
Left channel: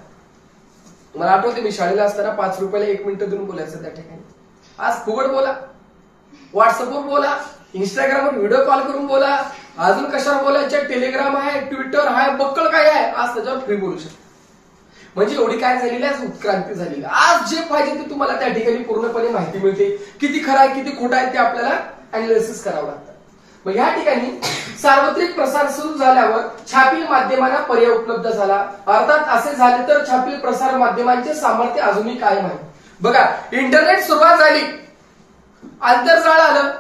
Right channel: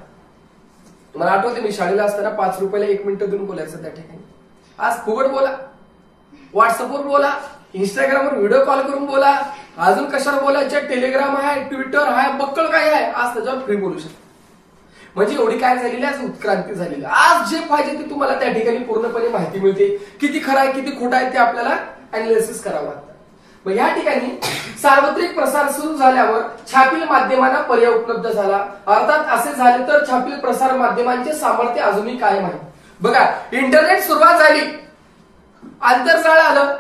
मला आठवते मी शाळेला असताना 5 रुपयाला 1 मिनिट देऊन बोलायचं त्या ठिकाणी. आज फुकट बोला, व्हॉट्सअपवर बोला, इंस्टाग्रामवर व्हिडिओ कॉल करून बोला, अजून कशावर बोलायचं, टेलिग्राम आहे, ट्विटर आहे, बक्कळ काय आहे, आज त्याच्यावर फ्री बोलू शकता. म्हणजे एवढी काय झालेली आहे, उत्क्रांती झालेली. आज जे पाहिजे ते तुम्हाला त्या ठिकाणी पूर्णपणे माहिती मिळते. किती खरं आहे किती खोटं आहे ते आपल्याला अनालिसिस करावं लागतं. मग या ठिकाणी सार्वत्रिक प्रसार सुरू झाल्यावर छापील माध्यमांना पर्याय उपलब्ध झाला. अर्थात असे झाले तर छापील प्रसार माध्यमांचे सामर्थ्य अजूनही कायम आहे. बघा, इंटरनेट सुरुवात झाली, आंतरजाळ आलं,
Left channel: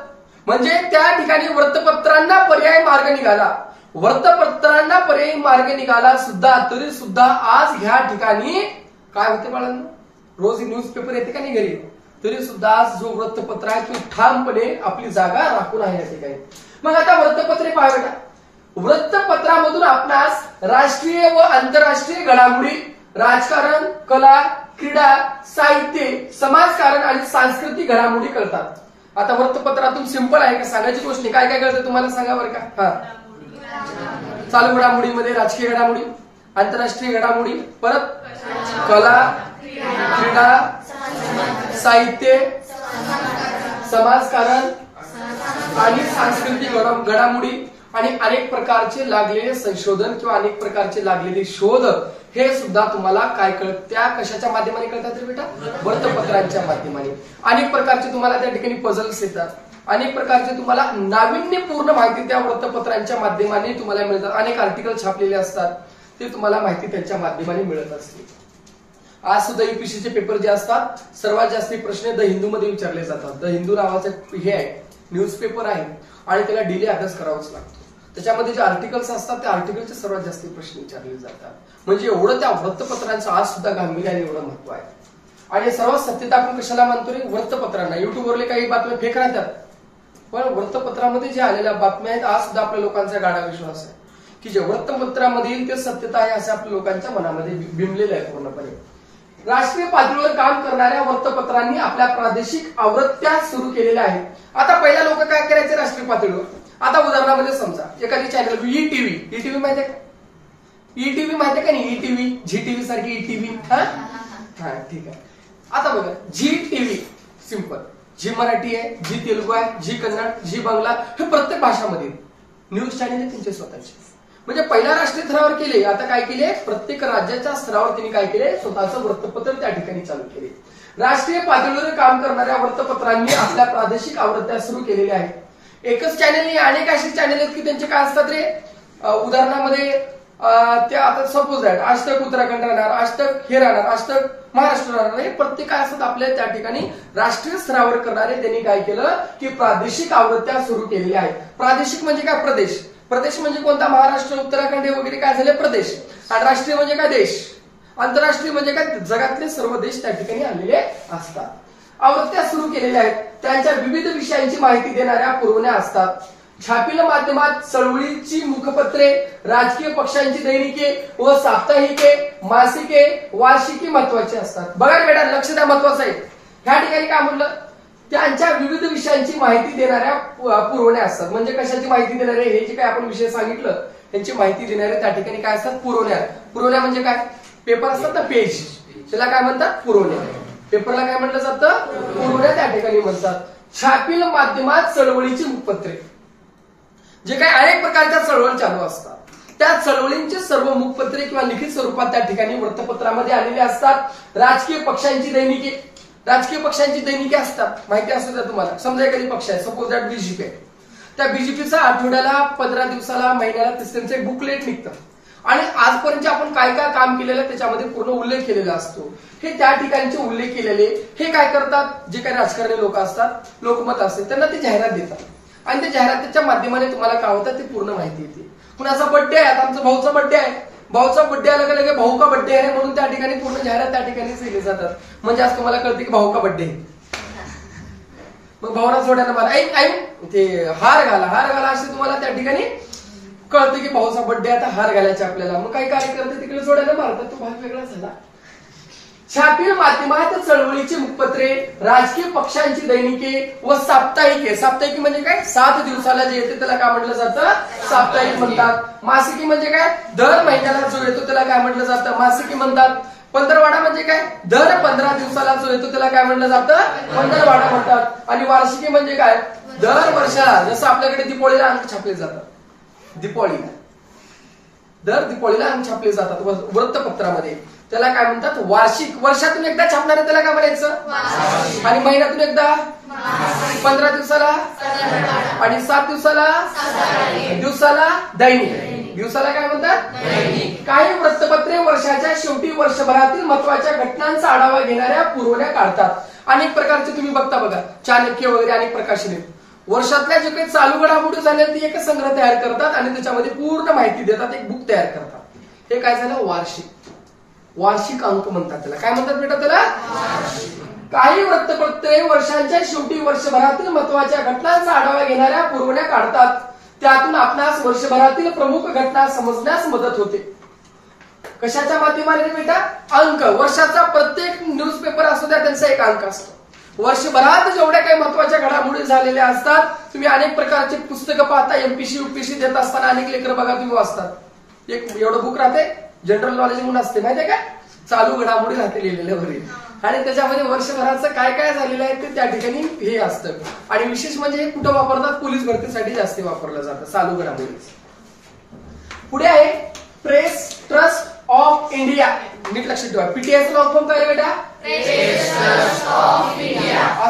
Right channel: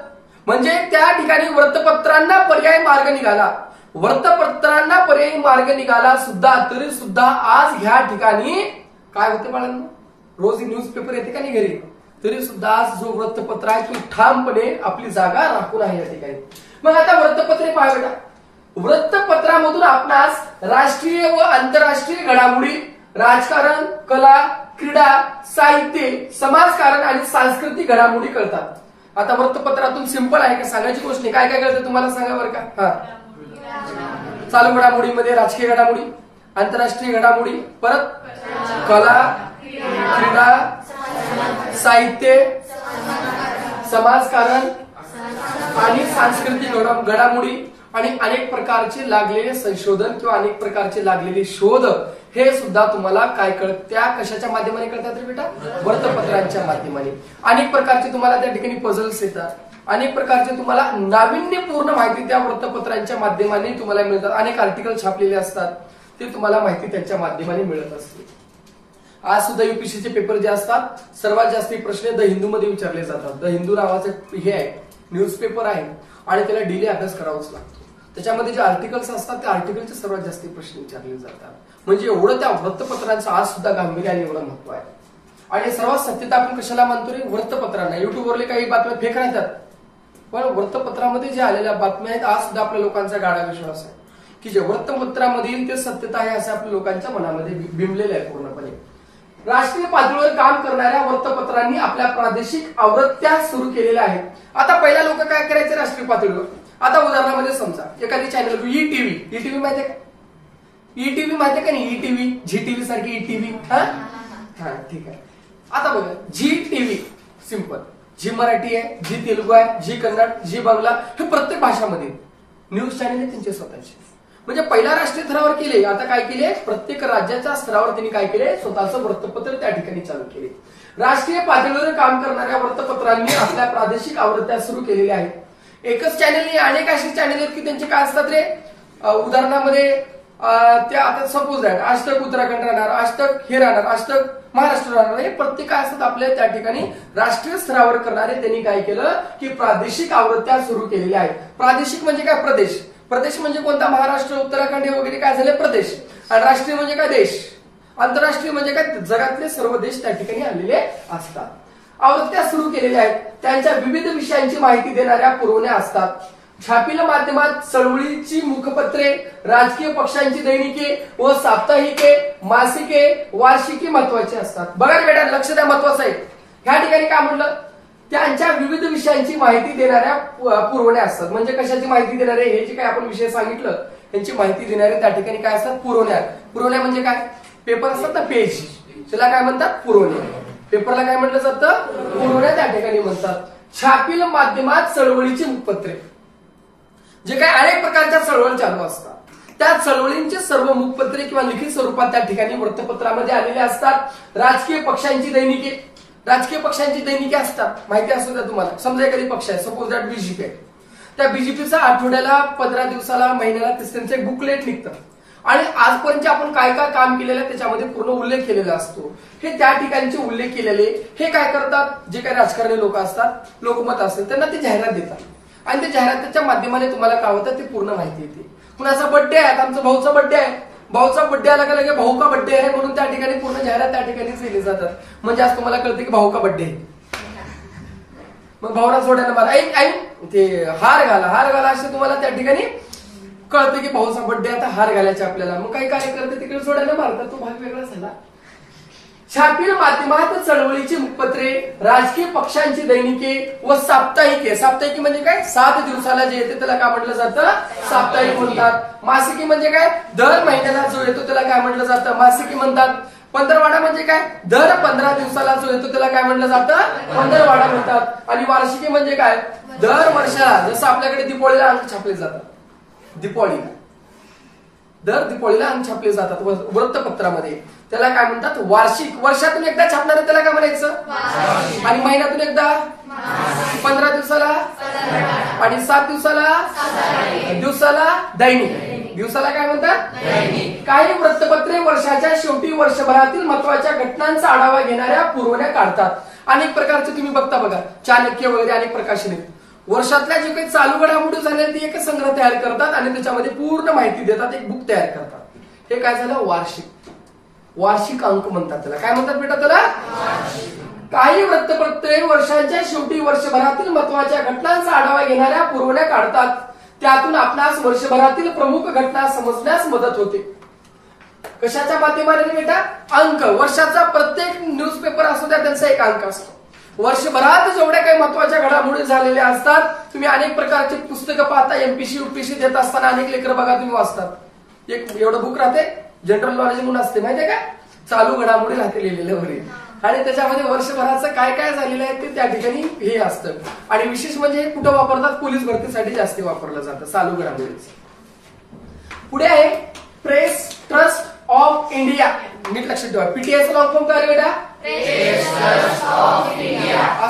म्हणजे त्या ठिकाणी वृत्तपत्रांना पर्याय मार्ग निघाला. वृत्तपत्रांना पर्यायी मार्ग निघाला सुद्धा, तरी सुद्धा आज ह्या ठिकाणी काय होते बाळांनो, रोज न्यूजपेपर येते का नाही घरी, तरी सुद्धा आज जो वृत्तपत्र आहे तो ठामपणे आपली जागा राखून आहे या ठिकाणी. मग आता वृत्तपत्रे पहा बेटा, वृत्तपत्रामधून आपणास राष्ट्रीय व आंतरराष्ट्रीय घडामोडी, राजकारण, कला, क्रीडा, साहित्य, समाजकारण आणि सांस्कृतिक घडामोडी कळतात. आता वृत्तपत्रातून सिंपल आहे का सांगायची गोष्ट नाही. काय काय कळतं तुम्हाला सांगा बरं का. हा, चालू घडामोडीमध्ये राजकीय घडामोडी, आंतरराष्ट्रीय घडामोडी, परत कला, क्रीडा, साहित्य, समाजकारण आणि सांस्कृतिक घडामोडी आणि अनेक प्रकारचे लागलेले संशोधन किंवा अनेक प्रकारचे लागलेले शोध, हे सुद्धा तुम्हाला काय कळत, त्या कशाच्या माध्यमाने कळतात रे बेटा, वृत्तपत्रांच्या माध्यमाने. अनेक प्रकारचे तुम्हाला त्या ठिकाणी पझल्स येतात, अनेक प्रकारचे तुम्हाला नाविन्यपूर्ण माहिती त्या वृत्तपत्रांच्या माध्यमाने तुम्हाला मिळतात. अनेक आर्टिकल छापलेले असतात, ते तुम्हाला माहिती त्यांच्या माध्यमाने मिळत असते. आज सुद्धा युपीएससीचे पेपर जे असतात, सर्वात जास्त प्रश्न द हिंदू मध्ये विचारले जातात. द हिंदू नावाचं हे आहे, न्यूजपेपर आहे आणि त्याला डेली अभ्यास करावाच लागतो. त्याच्यामध्ये जे आर्टिकल्स असतात त्या आर्टिकलचे सर्वात जास्त प्रश्न विचारले जातात. म्हणजे एवढं त्या वृत्तपत्रांचं आज सुद्धा गांभीर्य आणि एवढं महत्व आहे. आणि सर्वात सत्यता आपण कशाला मानतो रे? वृत्तपत्रांना. युट्यूबवरले काही बातम्या फेक राहतात, पण वृत्तपत्रामध्ये जे आलेल्या बातम्या आहेत आज सुद्धा आपल्या लोकांचा गाढा विश्वास आहे की जे वृत्तपत्रामध्ये येईल ते सत्यता आहे असं आपल्या लोकांच्या मनामध्ये बिंबलेलं आहे पूर्णपणे. राष्ट्रीय पातळीवर काम करणाऱ्या वृत्तपत्रांनी आपल्या प्रादेशिक आवृत्त्या सुरू केलेल्या आहेत. आता पहिला लोक काय करायचे राष्ट्रीय पातळीवर? आता उदाहरणामध्ये समजा एखादी चॅनल ईटीव्ही माहितीये का? ईटीव्ही माहितीये का नाही? ईटीव्ही, झी टीव्ही सारखी ईटीव्ही. हा ठीक आहे. आता बघा Zee TV simple, Zee Marathi आहे, झी तेलुगू आहे, झी कन्नड, झी बांगला, हे प्रत्येक भाषामध्ये न्यूज चॅनल आहे त्यांचे स्वतःचे. म्हणजे पहिल्या राष्ट्रीय स्तरावर केले, आता काय केले? प्रत्येक राज्याच्या स्तरावर त्यांनी काय केले? स्वतःचं वृत्तपत्र त्या ठिकाणी चालू केले. राष्ट्रीय पातळीवर काम करणाऱ्या वृत्तपत्रांनी आपल्या प्रादेशिक आवृत्त्या सुरू केलेल्या आहेत. एकच चॅनल, अनेक असे चॅनल आहेत की त्यांचे काय असतात रे? उदाहरणामध्ये ते आता सपोज दॅट आज तक उत्तराखंड राहणार, आज तक हे राहणार, आज तक महाराष्ट्र राहणार. हे प्रत्येक काय असतात आपल्या त्या ठिकाणी राष्ट्रीय स्तरावर करणारे त्यांनी काय केलं की प्रादेशिक आवृत्त्या सुरू केलेल्या आहेत. प्रादेशिक म्हणजे काय? प्रदेश. प्रदेश म्हणजे कोणता? महाराष्ट्र, उत्तराखंड हे वगैरे काय झाले? प्रदेश. आणि राष्ट्रीय म्हणजे काय? देश. आंतरराष्ट्रीय म्हणजे काय? जगातले सर्व देश त्या ठिकाणी आलेले असतात. आवृत्त्या सुरू केलेल्या आहेत. त्यांच्या विविध विषयांची माहिती देणाऱ्या पुरवण्या असतात. छापील माध्यमात चळवळीची मुखपत्रे, राजकीय पक्षांची दैनिके व साप्ताहिके, मासिके, वार्षिकी महत्वाची असतात. बघा बेटा, लक्ष द्या, महत्वाचं आहे. ह्या ठिकाणी काय म्हटलं? त्यांच्या विविध विषयांची माहिती देणाऱ्या पुरवण्या असतात. म्हणजे कशाची माहिती देणारे? हे जे काय आपण विषय सांगितलं त्यांची माहिती देणारे त्या ठिकाणी काय असतात? पुरवण्या. पुरवण्या म्हणजे काय? पेपर असतात ना, पेज, त्याला काय म्हणतात? पुरवण्या. पेपरला काय म्हटलं जातं? पुरवण्या त्या ठिकाणी म्हणतात. छापील माध्यमात चळवळीची मुखपत्रे, जे काही अनेक प्रकारच्या चळवळ चालू असतात त्या चळवळींचे सर्व मुखपत्रे किंवा लिखित स्वरूपात त्या ठिकाणी वृत्तपत्रामध्ये आलेले असतात. राजकीय पक्षांची दैनिके, राजकीय पक्षांची दैनिके असतात, माहिती असू द्या तुम्हाला. समजा एखादी पक्ष आहे, सपोज दॅट बीजेपी आहे, त्या बीजेपीचा आठवड्याला, 15 दिवसाला, महिन्याला त्यांचं एक बुकलेट निघतं आणि आजपर्यंत आपण काय काय काम केलेलं त्याच्यामध्ये पूर्ण उल्लेख केलेला असतो. हे त्या ठिकाणचे उल्लेख केलेले हे काय करतात? जे काही राजकारणी लोक असतात, लोकमत असते, त्यांना ते जाहिरात देतात आणि त्या जाहिरातीच्या माध्यमाने तुम्हाला काय होतं ते पूर्ण माहिती येते. कुणाचा बर्थडे आहे? आता आमचा भाऊचा बर्थडे आहे, भाऊचा बर्थडे आला का लगे भाऊ का बर्थडे आहे म्हणून त्या ठिकाणी पूर्ण जाहिरात त्या ठिकाणी केली जातात. म्हणजे आज तुम्हाला कळते की भाऊ का बर्थडे आहे. मग भाऊला सोडायला मला ऐन ते हार घाला असे तुम्हाला त्या ठिकाणी कळतं की भाऊचा बर्थडे, आता हार घालायचे आपल्याला. मग काही कार्यकर्ते तिकडे सोडायला मारतात, तो भाग वेगळा झाला. छापील माध्यमात चळवळीची मुखपत्रे, राजकीय पक्षांची दैनिके व साप्ताहिके. साप्ताहिकी म्हणजे काय? 7 दिवसाला जे येते त्याला काय म्हटलं जातं? साप्ताहिक म्हणतात. मासिकी म्हणजे काय? दर महिन्याला जो येतो त्याला काय म्हटलं जातं? मासिकी म्हणतात. पंधरवाडा म्हणजे काय? दर 15 दिवसाला जो येतो त्याला काय म्हटलं जातं? पंधरवाडा म्हणतात. आणि वार्षिकी म्हणजे काय? दर वर्षाला, जसं आपल्याकडे दिवाळीला अंक छापले जातात, दर दिवाळीला अंक छापले जातात वृत्तपत्रामध्ये, त्याला काय म्हणतात? वार्षिक. वर्षातून एकदा छापणारे त्याला काय म्हणायचं? आणि महिन्यातून एकदा, 15 दिवसाला आणि 7 दिवसाला दैनिक. दिवसाला काय म्हणतात? काही वृत्तपत्रे वर्षाच्या शेवटी वर्षभरातील महत्वाच्या घटनांचा आढावा घेणाऱ्या पुरवण्या काढतात. अनेक प्रकारचे तुम्ही बघता बघा, चाणक्य वगैरे अनेक प्रकाशने वर्षातल्या जे काही चालू घडामोडी झाल्या ती एक संग्रह तयार करतात आणि त्याच्यामध्ये पूर्ण माहिती देतात, एक बुक तयार करतात. हे काय झालं? वार्षिक अंक म्हणतात त्याला. काय म्हणतात बेटा त्याला? काही वृत्तपत्रे वर्षांच्या शेवटी वर्षभरातील महत्वाच्या घटनांचा आढावा घेणाऱ्या पुरवण्या काढतात. त्यातून आपणास वर्षभरातील प्रमुख घटना समजण्यास मदत होते. कशाच्या माध्यमाने बेटा? अंक. वर्षाचा प्रत्येक न्यूजपेपर असू द्या त्यांचा एक अंक असतो. वर्षभरात जेवढ्या काही महत्वाच्या घडामोडी झालेल्या असतात, तुम्ही अनेक प्रकारची पुस्तकं पाहता, एमपीसी यूपीसी देत असताना अनेक लेकर बघा तुम्ही वाचतात. एक एवढं बुक राहते, जनरल नॉलेज म्हणून असते, माहितीये का? चालू घडामोडी राहते लिहिलेल्या वगैरे, आणि त्याच्यामध्ये वर्षभराचं काय काय झालेलं आहे ते त्या ठिकाणी हे असतं. आणि विशेष म्हणजे हे कुठं वापरतात? पोलीस भरतीसाठी जास्त वापरलं जातं चालू घडामोडीच. पुढे आहे प्रेस ट्रस्ट ऑफ इंडिया. नीट लक्षात ठेवा, पीटीआयचं लॉंग फॉर्म काय बेटा?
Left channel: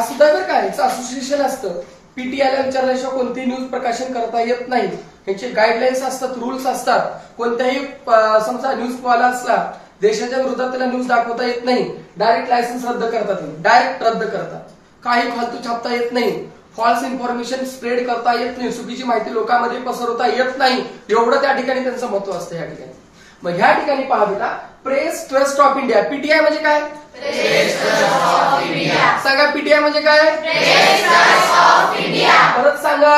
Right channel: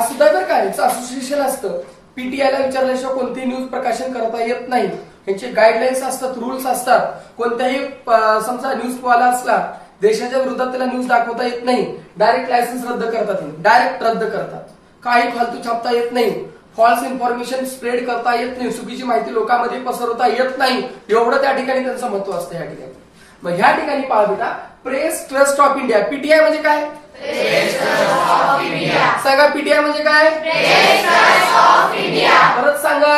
सुद्धा बरं काय असोसिएशन असतं. पीटीआयला विचारल्याशिवाय कोणतीही न्यूज प्रकाशन करता येत नाही. यांचे गाईडलाईन्स असतात, रूल्स असतात. कोणत्याही समजा न्यूज वाला असला, देशाच्या विरोधात त्याला न्यूज दाखवता येत नाही, डायरेक्ट लायसन्स रद्द करतात, डायरेक्ट रद्द करतात. काही फालतू छापता येत नाही. फॉल्स इन्फॉर्मेशन स्प्रेड करता येत नाही, चुकीची माहिती लोकांमध्ये पसरवता येत नाही, एवढं त्या ठिकाणी त्यांचं महत्व असतं या ठिकाणी. मग ह्या ठिकाणी पहा बेटा, press trust of India, PTI म्हणजे काय? सांगा, पीटीआय म्हणजे काय? परत सांगा.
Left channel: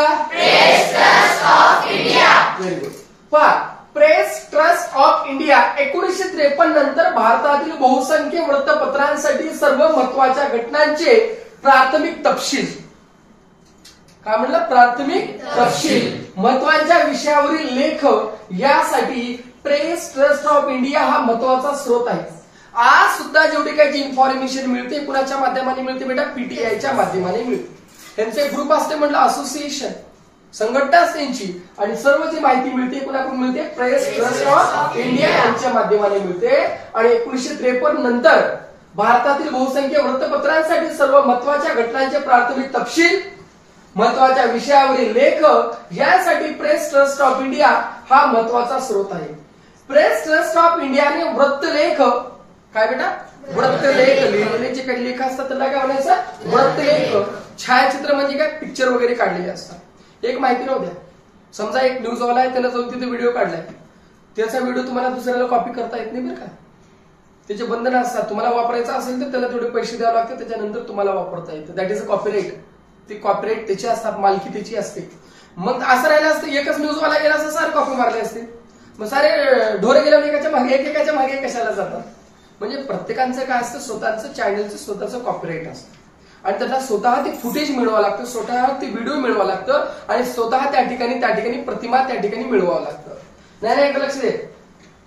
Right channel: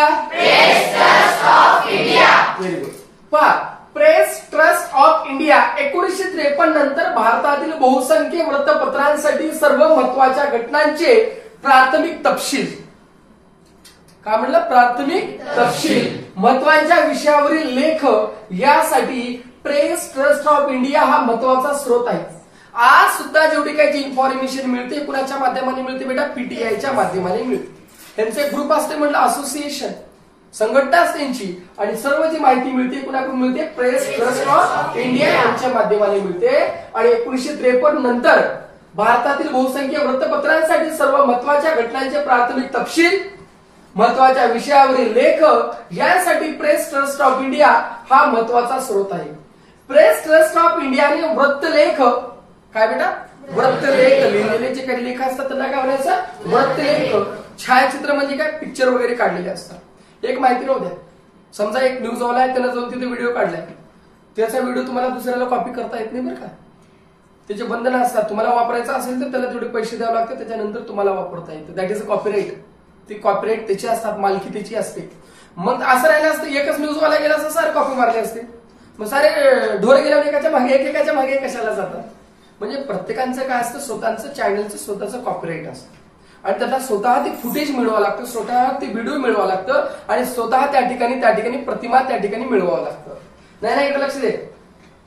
Very good. पहा, प्रेस ट्रस्ट ऑफ इंडिया 1953 नंतर भारतातील बहुसंख्य वृत्तपत्रांसाठी सर्व महत्वाच्या घटनांचे प्राथमिक तपशील, काय म्हणलं? प्राथमिक तपशील, महत्वाच्या विषयावरील लेख यासाठी प्रेस ट्रस्ट ऑफ इंडिया हा महत्वाचा स्रोत आहे. आज सुद्धा जेवढी काही इन्फॉर्मेशन मिळते कुणाच्या माध्यमाने मिळते बेटा? पीटीआयच्या माध्यमाने मिळते. त्यांचे ग्रुप असते म्हटलं, असोसिएशन, संघटना असते त्यांची, आणि सर्व जी माहिती मिळते कुणाकडून मिळते? प्रेस ट्रस्ट ऑफ इंडिया यांच्या माध्यमाने मिळते. आणि 1953 नंतर भारतातील बहुसंख्य वृत्तपत्रांसाठी सर्व महत्वाच्या घटनांचे प्राथमिक तपशील, महत्वाच्या विषयावरील लेख यासाठी प्रेस ट्रस्ट ऑफ इंडिया हा महत्वाचा स्रोत आहे. प्रेस ट्रस्ट ऑफ इंडियाने वृत्तलेख, काय बेटा? वृत्तलेख, लिहिलेले जे काही लेख असतात त्यांना काय म्हणायचं? वृत्तलेख. छायाचित्र म्हणजे काय? पिक्चर वगैरे काढलेले असतात. एक माहिती राहू द्या, समजा एक न्यूजवाला आहे, त्याला जाऊन तिथे व्हिडिओ काढलाय, त्याचा व्हिडिओ तुम्हाला दुसऱ्याला कॉपी करता येत नाही बरं का? त्याचे बंधन असतात. तुम्हाला वापरायचं असेल तर त्याला तेवढे पैसे द्यावे लागतात, त्याच्यानंतर तुम्हाला वापरता येतं. That is a copyright. ती कॉपीराईट त्याची असतात, मालकी त्याची असते. मग असं राहिलं असतं, एकच न्यूजवाला गेला असं सारे कॉपी मारले असते, मग सारे ढोरे गेल्यावर एकाच्या मागे कशाला जातात? म्हणजे प्रत्येकाचं काय असतं? स्वतःचं चॅनलचं स्वतःचं कॉपीराईट असतं, आणि त्यांना स्वतः ते फुटेज मिळवावं लागतं, स्वतः ते व्हिडिओ मिळवावं लागतं, आणि स्वतः त्या ठिकाणी प्रतिमा त्या ठिकाणी मिळवावं लागतं. नाही एकदा लक्ष दे.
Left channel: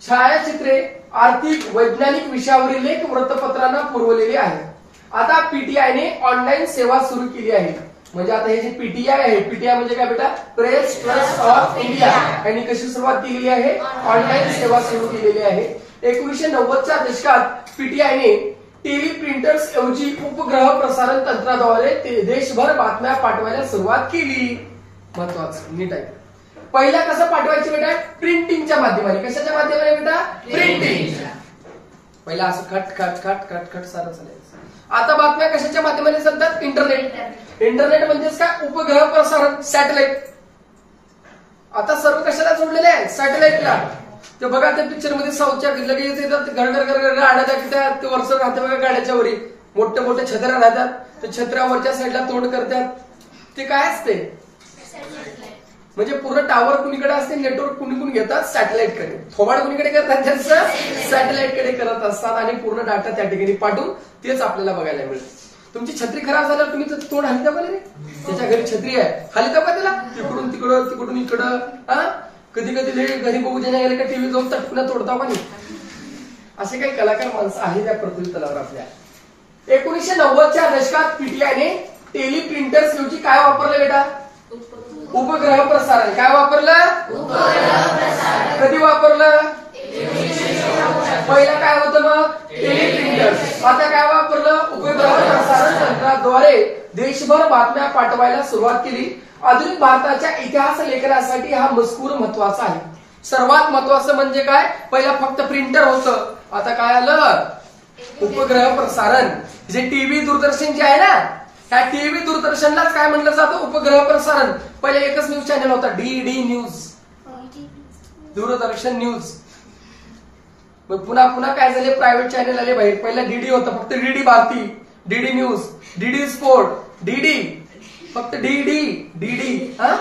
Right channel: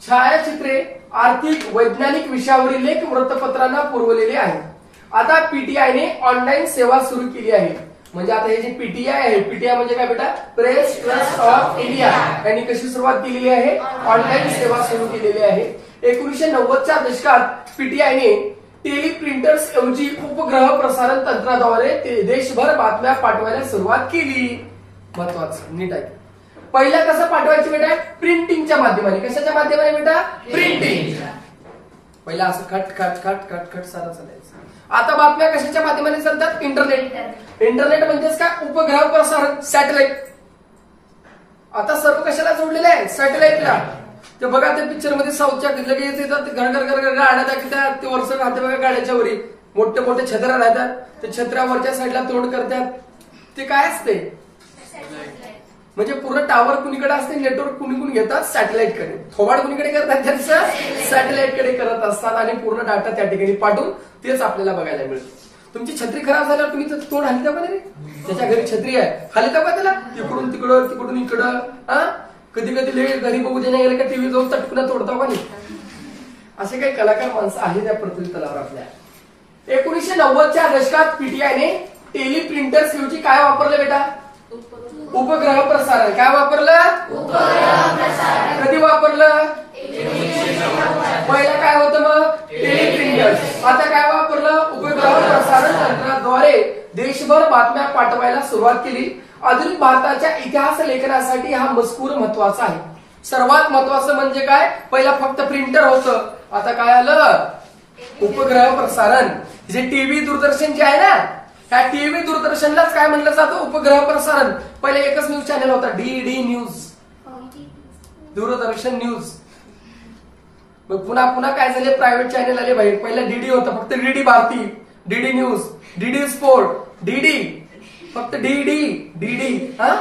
छायाचित्रे, आर्थिक, वैज्ञानिक विषयावरील लेख वृत्तपत्रांना पुरवलेले आहेत. आता पीटीआयने ऑनलाईन सेवा सुरू केली आहे. म्हणजे आता हे जे पीटीआय आहे, पीटीआय म्हणजे काय बेटा? Press trust of India. यांनी कशी सुरुवात केलेली आहे? ऑनलाईन सेवा सुरू केलेली आहे. 1990च्या दशकात पीटीआयने टेलिप्रिंटर्स ऐवजी उपग्रह प्रसारण तंत्राद्वारे देशभर बातम्या पाठवायला सुरुवात केली. महत्वाचं, नीट आहे. पहिला कसं पाठवायची बेटा? प्रिंटिंगच्या माध्यमाने. कशाच्या माध्यमाने बेटा? प्रिंटिंग. पहिला असं खट खट खट खट खट सारं चालायचं. आता बातम्या कशाच्या माध्यमाने चालतात? इंटरनेट. इंटरनेट म्हणजेच काय? उपग्रह प्रसारण, सॅटेलाइट. आता सर्व कशाला जोडलेले आहे? सॅटेलाइटला. ते बघा त्या पिक्चर मध्ये साऊथच्या लगेच येतात, घर गाड्या दाखवतात, ते वरच राहते बघा गाड्याच्या वरी, मोठे मोठे छत्र्या राहतात, ते छत्र्यावरच्या साईडला तोंड करतात. ते काय असते? म्हणजे पूर्ण टावर कुणीकडे असते, नेटवर्क कुणी घेतात? सॅटेलाइट कडे. थोबाड कुणीकडे करतात? त्यांचं सॅटेलाइट कडे करत असतात, आणि पूर्ण डाटा त्या ठिकाणी पाठवून तेच आपल्याला बघायला मिळतं. तुमची छत्री खराब झाल्यावर तुम्ही तोंड हलिता का रे? त्याच्या घरी छत्री आहे, हलिता का त्याला? तिकडून तिकडं, तिकडून इकडं. कधी कधी घरी बघू देण्या गेले का टीव्ही जाऊन तटकुना तोडता का नाही? असे काही कलाकार माणसं आहेत त्या पृथ्वी तलावर आपल्या. 1990च्या दशकात पीटीआयने टेलिप्रिंटर्स ऐवजी काय वापरलं बेटा? उपग्रह प्रसारण. काय वापरलं? कधी वापरलं? पहिला काय होतं मग? टेलिप्रिंटर्स. आता काय वापरलं? उपग्रह प्रसारण तंत्राद्वारे देशभर बातम्या पाठवायला सुरुवात केली. आधुनिक भारताच्या इतिहास लेखनासाठी हा मजकूर महत्वाचा आहे. सर्वात महत्वाचं म्हणजे काय? पहिला फक्त प्रिंटर होतं, आता काय आलं? उपग्रह प्रसारण. जे टीव्ही दूरदर्शन जे आहे ना, त्या टीव्ही दूरदर्शनलाच काय म्हणलं जातं? उपग्रह प्रसारण. पहिले एकच न्यूज चॅनल होता, डीडी न्यूज, दूरदर्शन न्यूज. मग पुन्हा काय झाले? प्रायव्हेट चॅनल आले बाहेर. पहिला डीडी होतं, फक्त DD Bharati, DD news, DD sport, DD, फक्त डीडी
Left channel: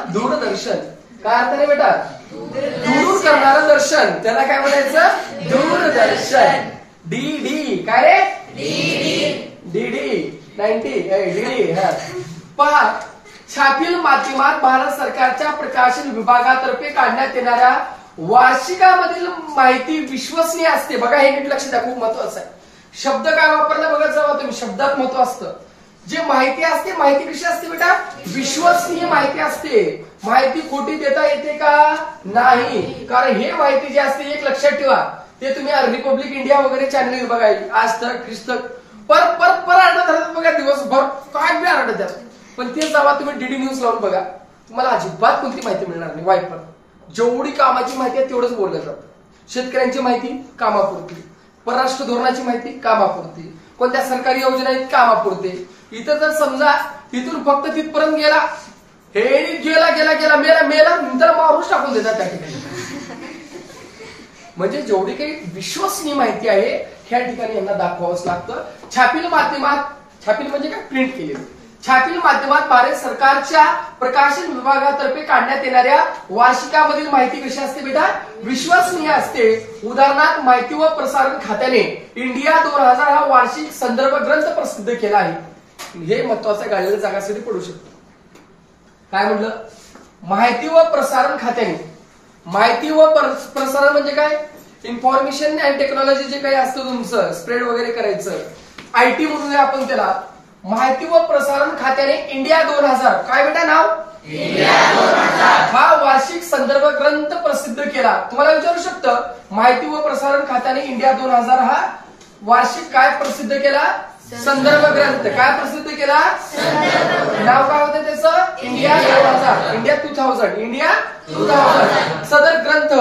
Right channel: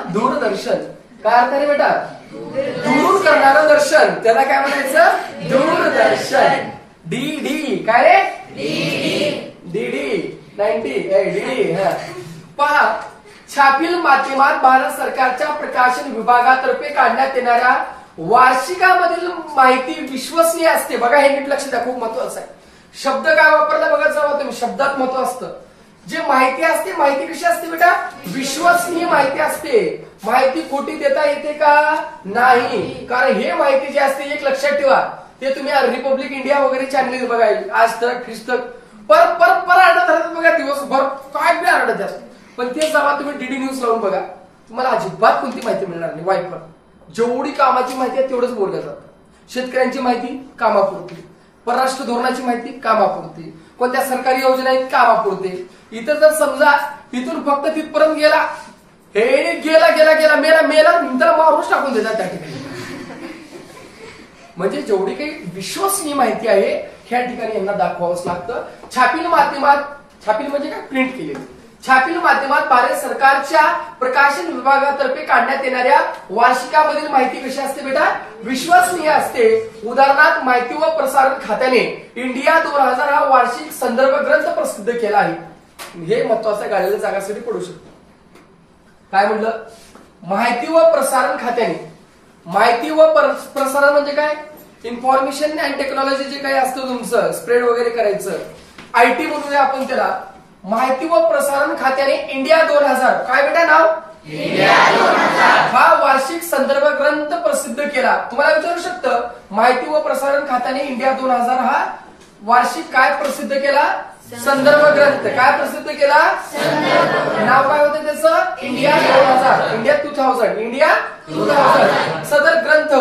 दूरदर्शन. काय अर्थ रे बेटा? दूर करणारं दर्शन, त्याला काय म्हणायचं? दूरदर्शन. डीडी काय रे? DD 90 DD. पहा, छापील माध्यमात भारत सरकारच्या प्रकाशन विभागातर्फे काढण्यात येणाऱ्या वार्षिकामधील माहिती विश्वसनीय असते. बघा हे नीट लक्ष द्या, खूप महत्वाचं आहे. शब्द काय वापरला बघा जावा तुम्ही, शब्दात महत्व असतं. जे माहिती असते, माहिती कशी असते बेटा? विश्वसनीय माहिती असते. माहिती खोटी देता येते का? नाही. कारण हे माहिती जी असते, एक लक्षात ठेवा, ते तुम्ही रिपब्लिक इंडिया वगैरे चॅनल बघा, आज तक, ख्रिस्तक, पर आरडत राहतात बघा, दिवसभर काय बी आरडत द्या. पण ते जेव्हा तुम्ही डीडी न्यूज लावून बघा, तुम्हाला अजिबात कोणती माहिती मिळणार नाही. वाईपर जेवढी कामाची माहिती आहे तेवढंच बोललं जातं. शेतकऱ्यांची माहिती कामापुरती, परराष्ट्र धोरणाची माहिती कामापुरती, कोणत्या सरकारी योजना आहेत कामापुरते. इथं जर समजा तिथून फक्त तिथपर्यंत गेला, हे गेला गेला गेला मेला मेला त्याला मारूच टाकून देतात त्या ठिकाणी. म्हणजे जेवढी काही विश्वसनीय माहिती आहे ह्या ठिकाणी यांना दाखवावंच लागतं. छापील माध्यमात, छापील म्हणजे काय, प्रिंट केलेलं, छापील माध्यमात भारत सरकारच्या प्रकाशन विभागातर्फे काढण्यात येणाऱ्या वार्षिकामधील माहिती कशी असते बेटा, विश्वसनीय असते. उदाहरणार्थ माहिती व प्रसारण खात्याने इंडिया 2000 हा वार्षिक संदर्भ ग्रंथ प्रसिद्ध केला आहे. हे महत्वाचं गाळलेल्या जागासाठी पडू शकतो. काय म्हटलं, माहिती व प्रसारण खात्याने, माहिती व प्रसारण म्हणजे काय, इन्फॉर्मेशन अँड टेक्नॉलॉजी जे काही असतं तुमचं स्प्रेड वगैरे करायचं, आयटी म्हणूया आपण त्याला. माहिती व प्रसारण खात्याने इंडिया 2000, काय बेटा नाव, इंडिया 2000 हा वार्षिक संदर्भ ग्रंथ प्रसिद्ध केला. तुम्हाला विचारू शकतं, माहिती व प्रसारण खात्याने इंडिया 2000 हा वार्षिक काय प्रसिद्ध केला, संदर्भ ग्रंथ. काय प्रसिद्ध केला, नाव काय होतं त्याचं, इंडिया 2000, इंडिया 2000, इंडिया 2000. सदर ग्रंथ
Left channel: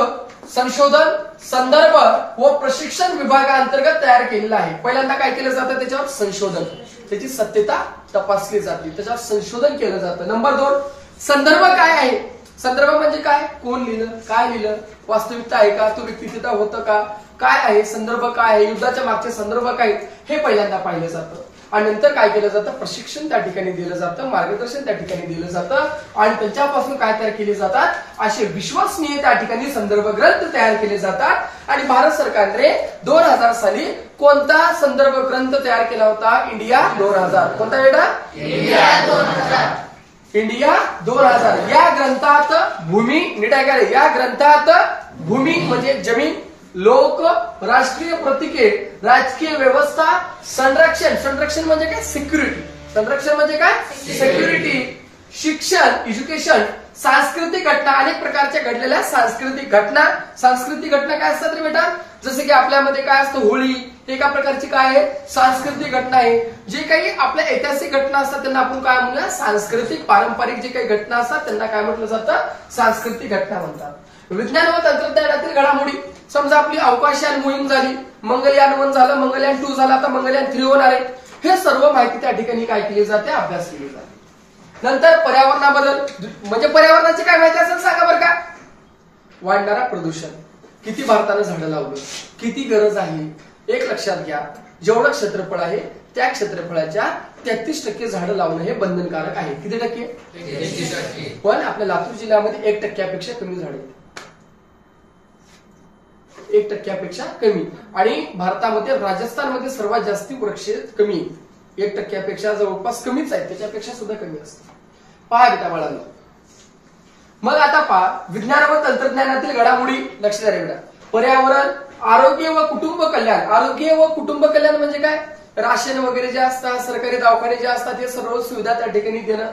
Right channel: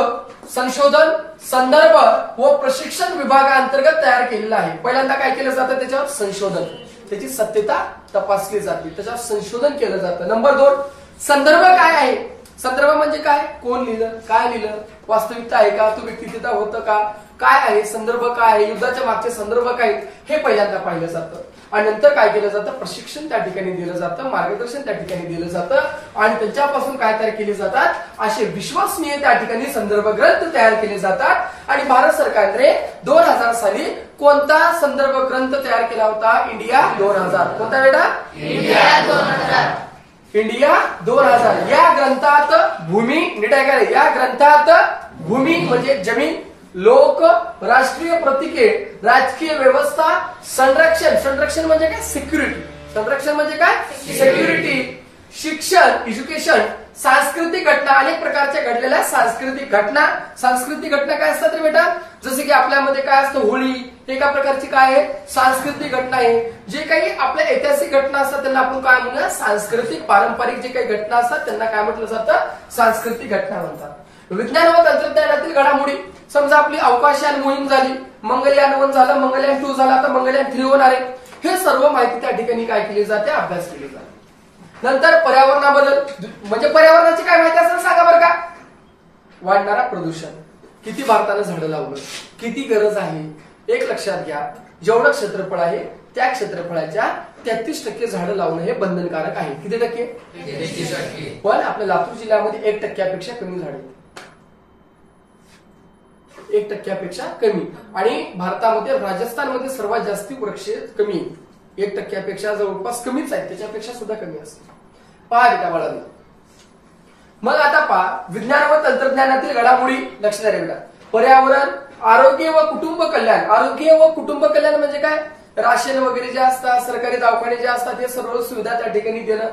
संशोधन, संदर्भ व प्रशिक्षण विभागाअंतर्गत तयार केलेला आहे. पहिल्यांदा काय केलं जातं, त्याच्यावर संशोधन, त्याची सत्यता तपासली जाते, त्याच्यावर संशोधन केलं जातं. नंबर 2, संदर्भ काय आहे. संदर्भ म्हणजे काय, कोण लिहिलं, काय लिहिलं, वास्तविकता आहे का, तो व्यक्ती तिथं होतं का, काय आहे संदर्भ, काय आहे युद्धाच्या मागचे संदर्भ काय, हे पहिल्यांदा पाहिलं जातं. आणि नंतर काय केलं जातं, प्रशिक्षण त्या ठिकाणी दिलं जातं, मार्गदर्शन त्या ठिकाणी दिलं जातं आणि त्यांच्यापासून काय तयार केले जातात, असे विश्वसनीय त्या ठिकाणी संदर्भ ग्रंथ तयार केले जातात. आणि भारत सरकारने 2000 साली कोणता संदर्भ ग्रंथ तयार केला होता, इंडिया 2000. कोणता बेटा, इंडिया 2000. इंडिया 2000 या ग्रंथात भूमी, नीट ऐका, या ग्रंथात भूमी म्हणजे जमीन, लोक, राष्ट्रीय प्रतीके, राजकीय व्यवस्था, संरक्षण, संरक्षण म्हणजे काय, सिक्युरिटी, संरक्षण म्हणजे काय, सिक्युरिटी, शिक्षण, एज्युकेशन, सांस्कृतिक घटना, अनेक प्रकारच्या घडलेल्या सांस्कृतिक घटना. सांस्कृतिक घटना काय असतात रे बेटा, जसे की आपल्यामध्ये काय असतं, होळी, एका प्रकारची काय आहे, सांस्कृतिक घटना आहे. जे काही आपल्या ऐतिहासिक घटना असतात त्यांना आपण काय म्हणूया, सांस्कृतिक पारंपरिक जे काही घटना असतात त्यांना काय म्हटलं जातं, सांस्कृतिक घटना म्हणतात. विज्ञान व तंत्रज्ञानातील घडामोडी, समजा आपली अवकाशयान मोहीम झाली, मंगलयान 1 झालं, मंगलयान 2 झालं, आता मंगलयान 3 होणार आहे. हे सर्व माहिती त्या ठिकाणी काय केली जाते, अभ्यास केली जाते. नंतर पर्यावरणाबद्दल, म्हणजे पर्यावरणाची काय माहिती असेल सांगा बरं का, वाढणारा प्रदूषण, किती भारतानं झाडं लावलं, किती गरज आहे. एक लक्षात घ्या, जेवढं क्षेत्रफळ आहे त्या क्षेत्रफळाच्या 33% झाडं लावणं हे बंधनकारक आहे. किती टक्के, 33%. पण आपल्या लातूर जिल्ह्यामध्ये 1% कमी झाडे, 1% कमी. आणि भारतामध्ये राजस्थानमध्ये सर्वात जास्त वृक्ष कमी, 1% जवळपास कमीच आहे, त्याच्यापेक्षा सुद्धा कमी असते. पहा बेटा बाळांनो, मग आता पहा विज्ञान व तंत्रज्ञानातील घडामोडी. लक्ष द्या बेटा, पर्यावरण, आरोग्य व कुटुंब कल्याण. आरोग्य व कुटुंब कल्याण म्हणजे काय, राशन वगैरे जे असतात, सरकारी दवाखाने जे असतात, हे सर्व सुविधा त्या ठिकाणी देणं.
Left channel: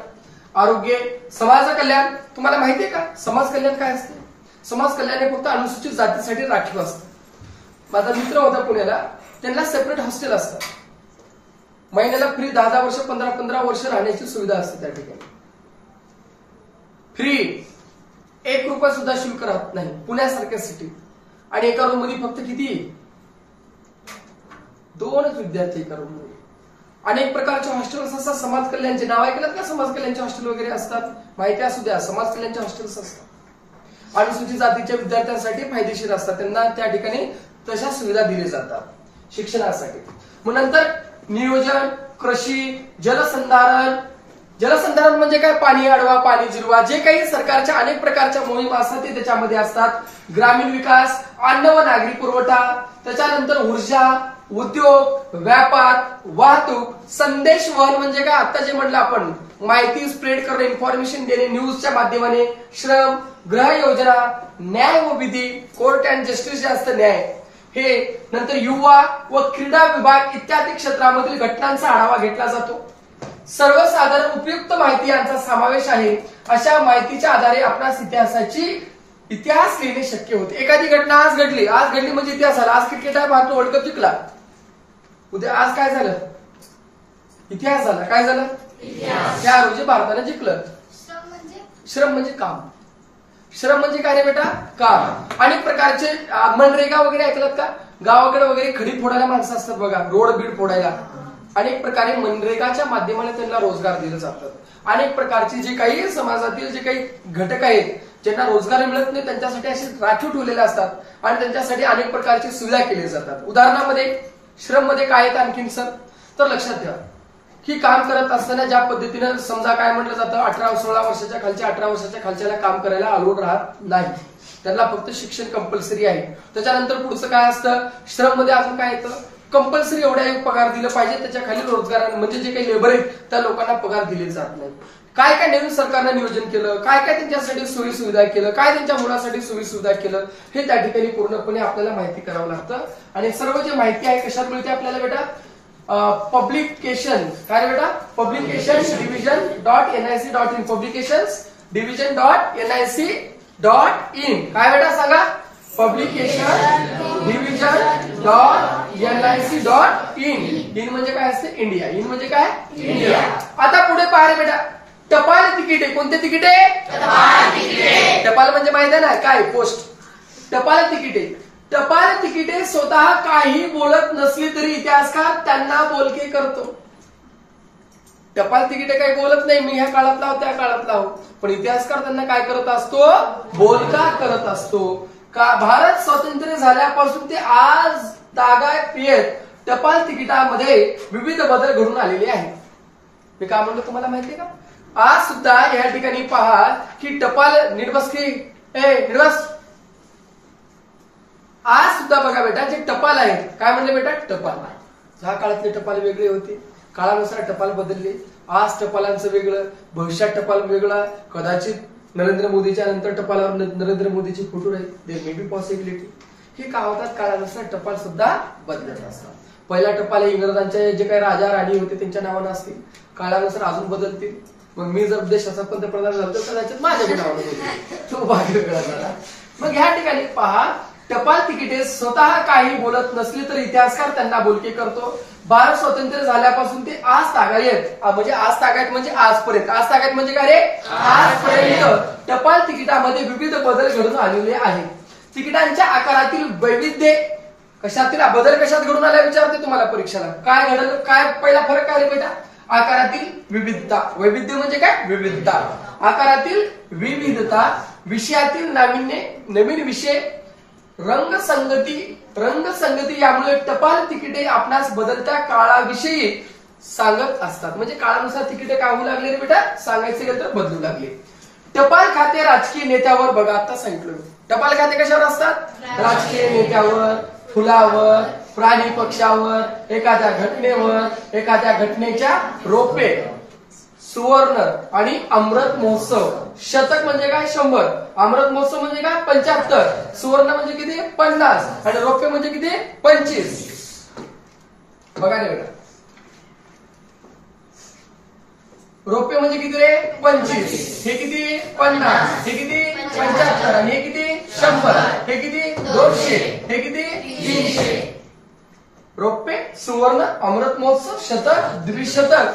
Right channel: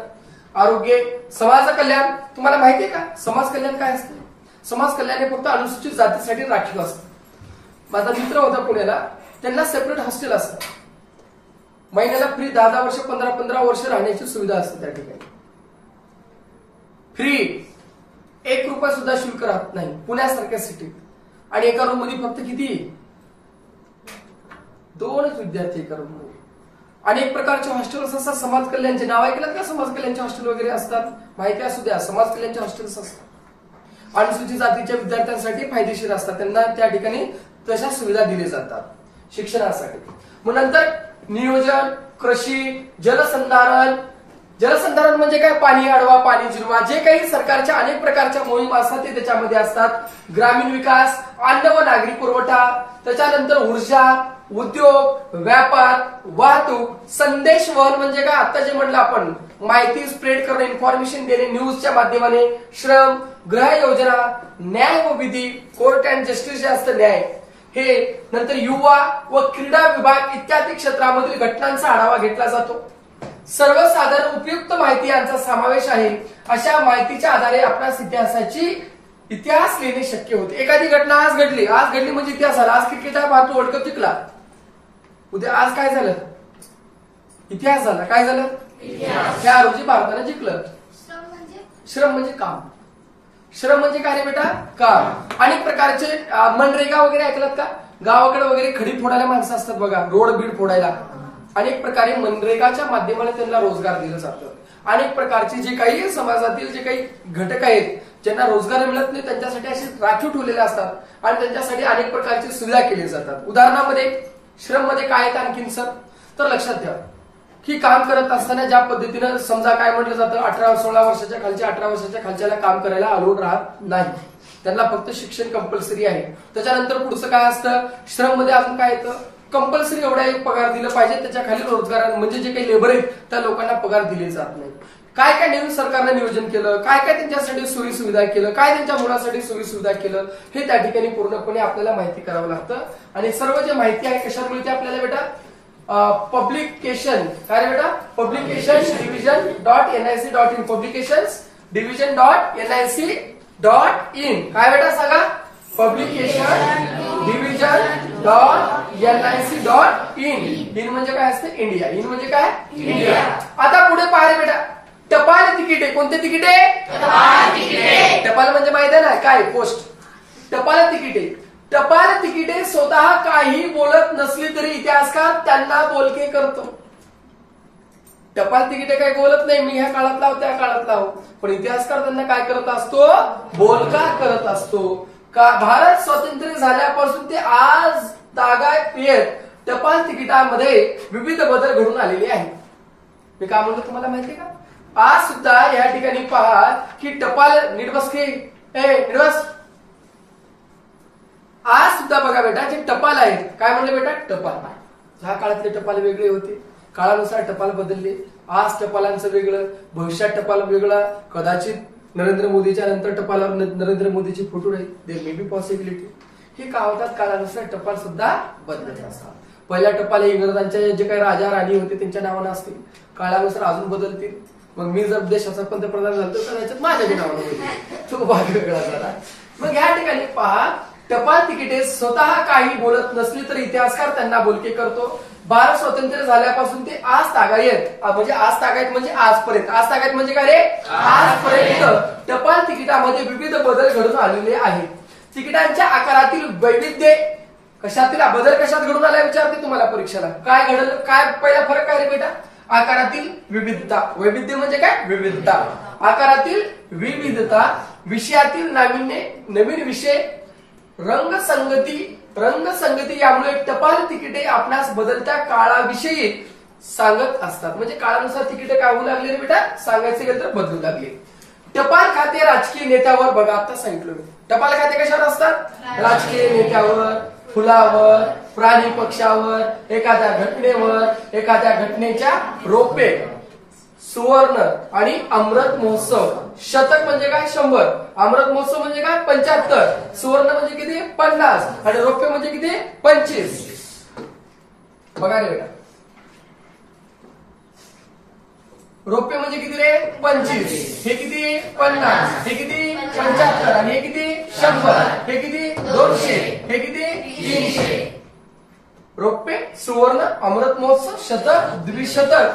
आरोग्य, समाज कल्याण, तुम्हाला माहितीये का समाज कल्याण काय असते, समाज कल्याण हे फक्त अनुसूचित जातीसाठी राखीव असतं. माझा मित्र होता पुण्याला, त्यांना सेपरेट हॉस्टेल असतं, महिन्याला फ्री 10 वर्ष 15 वर्ष राहण्याची सुविधा असते त्या ठिकाणी, फ्री, 1 रुपया सुद्धा शुल्क राहत नाही पुण्यासारख्या सिटीत. आणि एका रूम मध्ये फक्त किती, 2च विद्यार्थी एका रूम मध्ये. अनेक प्रकारचे हॉस्टेल्स असतात समाज कल्याणचे, नाव ऐकलं का, समाज कल्याणचे हॉस्टेल वगैरे असतात, माहिती असू द्या, समाज कल्याणचे हॉस्टेल्स असतात. अनुसूचित जातीच्या विद्यार्थ्यांसाठी फायदेशीर असतात, त्यांना त्या ठिकाणी तशा सुविधा दिल्या जातात शिक्षणासाठी. मग नंतर नियोजन, कृषी, जलसंधारण. जलसंधारण म्हणजे काय, पाणी अडवा, पाणी जिरवा, जे काही सरकारच्या अनेक प्रकारच्या मोहीम असतात ते त्याच्यामध्ये असतात. ग्रामीण विकास, अन्न व नागरी पुरवठा, त्याच्यानंतर ऊर्जा, उद्योग, व्यापार, वाहतूक, संदेश वहन म्हणजे काय, आता जे म्हणलं आपण, माहिती स्प्रेड करणं, इन्फॉर्मेशन देणे न्यूजच्या माध्यमाने, श्रम, गृह योजना, न्याय व विधी, कोर्ट अँड जस्टिस जे असतं न्याय हे. नंतर युवा व क्रीडा विभाग इत्यादी क्षेत्रामधील घटनांचा आढावा घेतला जातो. सर्वसाधारण उपयुक्त माहिती यांचा समावेश आहे. अशा माहितीच्या आधारे आपणास इतिहास लिहिणे शक्य होते. एखादी घटना आज घडली म्हणजे इतिहास झाला. आज क्रिकेट आहे, भारत वर्ल्ड कप जिंकला, उद्या आज काय झालं, इतिहास झाला. काय झालं, त्या रोजी भारतानं जिंकलं. श्रम म्हणजे काम, श्रम म्हणजे काय रे बेटा, काम. अनेक प्रकारचे मनरेगा वगैरे ऐकलात का, गावाकडे वगैरे खडी फोडायला माणसं असतात बघा, रोड बीड फोडायला, अनेक प्रकारे मनरेगाच्या माध्यमाने त्यांना रोजगार दिलं जातं. अनेक प्रकारचे जे काही समाजातील जे काही घटक आहेत ज्यांना रोजगार मिळत नाही त्यांच्यासाठी असे राखीव ठेवलेले असतात आणि त्यांच्यासाठी अनेक प्रकारची सुविधा केली जातात. उदाहरणामध्ये श्रम मध्ये काय येतं आणखीन सर, तर लक्षात ठेवा की काम करत असताना ज्या पद्धतीनं समजा काय म्हटलं जातं 18-16 वर्षाच्या खालच्या 18 वर्षाच्या खालच्याला काम करायला अलाउड राहत नाही, त्यांना फक्त शिक्षण कंपल्सरी आहे. त्याच्यानंतर पुढचं काय असतं, श्रम मध्ये अजून काय येतं, कंपल्सरी एवढा एक पगार दिला पाहिजे, त्याच्या खाली रोजगार म्हणजे जे काही लेबर आहेत त्या लोकांना पगार दिले जात नाही. काय काय नवीन सरकारनं नियोजन केलं, काय काय त्यांच्यासाठी सोयी सुविधा केलं, काय त्यांच्या मुलासाठी सोयी सुविधा केलं, हे त्या ठिकाणी पूर्णपणे आपल्याला माहिती करावं लागतं. आणि सर्व जे माहिती आहे कशात मिळते आपल्याला बेटा, पब्लिकेशन काय बेटा, पब्लिकेशन division.nic.in, पब्लिकेशन division.nic.in काय बेटा सांगा, पब्लिकेशन division.nic.in. इन म्हणजे काय असते, इंडिया. इन म्हणजे काय, इंडिया. आता पुढे पाहिले बेटा, टपाल तिकीट आहे. कोणते तिकीट आहे, टपाल म्हणजे माहिती आहे ना काय, पोस्ट. टपाल तिकीट आहे. टपाल तिकीटे स्वतः काही बोलत नसली तरी इतिहासकार त्यांना बोलके करतो. टपाल तिकीटे काही बोलत नाही, मी ह्या काळातला आहो त्या काळातला आहो, पण इतिहासकार त्यांना काय करत असतो, बोलका करत असतो. का भारत स्वातंत्र्य झाल्यापासून ते आज तागायत येत टपाल तिकिटामध्ये विविध बदल घडून आलेले आहेत. मी काय म्हणतो तुम्हाला माहिती का, आज सुद्धा या ठिकाणी पहा की टपाल निर्बस की निर्बस, आज सुद्धा बघा बेटा जे टपाल आहेत, काय म्हणले बेटा, टपाल. ह्या काळातले टपाल वेगळे होते, काळानुसार टपाल बदलले. आज टपालांचं वेगळं, भविष्यात टपाल वेगळा, कदाचित नरेंद्र मोदीच्या नंतर टपालावर नरेंद्र मोदीचे फोटो राहील, देर मे बी पॉसिबिलिटी. हे काय होतात, काळानुसार टपाल सुद्धा बदलत असतात. पहिला टपाल हे इंग्रजांचे जे काही राजा राणी होते त्यांच्या नावानं असतील, काळानुसार अजून बदलतील. मग मी जर देशाचा पंतप्रधान झालो तर कदाचित माझ्या नावानं बदलेल, तो भाग वेगळा झाला. मग या ठिकाणी पहा, टपाल तिकिटे स्वतः काही बोलत नसली तर इतिहासकार त्यांना बोलके करतो. भारत स्वतंत्र झाल्यापासून ते आज तागायत, म्हणजे आज तागायत म्हणजे आजपर्यंत, आज तागायत म्हणजे काय रे, आजपर्यंत टपाल तिकिटामध्ये विविध बदल घडून आलेले आहेत. तिकिटांच्या आकारातील वैविध्य कशातील बदल कशात घडून आला विचारते तुम्हाला परीक्षेला. काय घडलं, काय पहिला फरक काय रे बेटा, आकारातील विविधता. वैविध्य म्हणजे काय, विविधता. आकारातील विविधता, विषयातील नाविन्य, नवीन विषय, रंगसंगती यामुळे टपाल तिकिटे आपणास बदलत्या काळाविषयी सांगत असतात. म्हणजे काळानुसार तिकिटे काय होऊ लागले रे बेटा, सांगायचे तर बदलू लागले. टपाल खाते राजकीय नेत्यावर, बघा आता सांगितलं, टपाल खाते कशावर असतात, राजकीय नेत्यावर, फुलावर, प्राणी पक्षावर, एखाद्या घटनेवर, एखाद्या घटनेच्या रोपे, सुवर्ण आणि अमृत महोत्सव. शतक म्हणजे काय, 100. अमृत महोत्सव म्हणजे काय, 75. सुवर्ण म्हणजे किती, 50. आणि रौप्य म्हणजे किती, 25. बघा रे बेटा, रौप्य म्हणजे किती रे, 25. हे किती, 50. हे किती, 75. आणि हे किती, 100. हे किती, 200. हे किती, 300. रौप्य, सुवर्ण, अमृत महोत्सव, शतक, द्विशतक,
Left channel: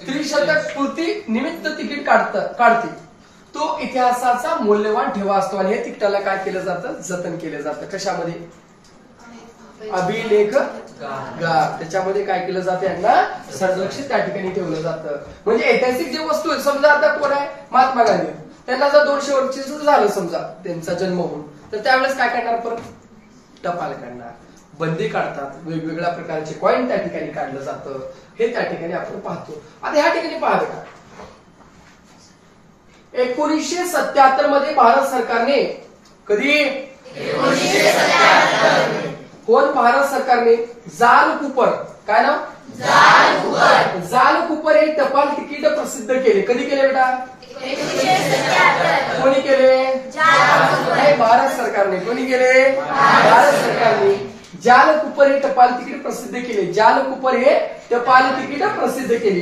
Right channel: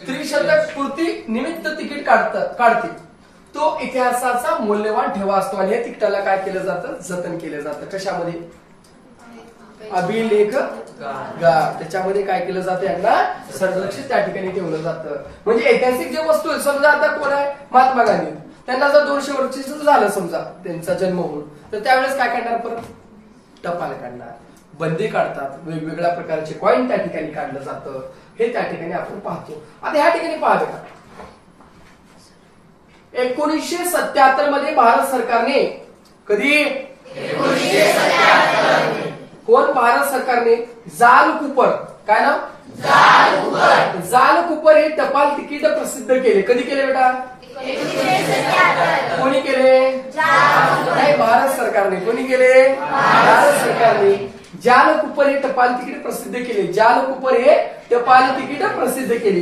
त्रिशतक पूर्ती निमित्त तिकीट काढते. तो इतिहासाचा मौल्यवान ठेवा असतो आणि या तिकिटाला काय केलं जातं, जतन केलं जातं. कशामध्ये, अभिलेख त्याच्यामध्ये काय केलं जातं, यांना संरक्षित त्या ठिकाणी ठेवलं जातं. म्हणजे ऐतिहासिक जे वस्तू आहेत, समजा आता कोण आहे, महात्मा गांधी, त्यांना जर 200 वर्षाचं झालं समजा त्यांचा जन्म होऊन, तर त्यावेळेस काय करणार, परत टपाल काढणार, बंदी काढतात, वेगवेगळ्या प्रकारचे कॉइन त्या ठिकाणी काढलं जातं. हे त्या ठिकाणी आपण पाहतो. आता ह्या ठिकाणी पहा बेटा, 1977 मध्ये भारत सरकारने, कधी, 1977, कोण भारत सरकारने जाल कूपर, काय नाव, जाल कूपर हे टपाल तिकीट प्रसिद्ध केले. कधी केले बेटा, कोणी केले, नाही भारत सरकारने. कोणी केले, भारत सरकारने. जाल कूपर हे टपाल तिकीट प्रसिद्ध केले. जाल कूपर हे टपाल तिकीट प्रसिद्ध केले.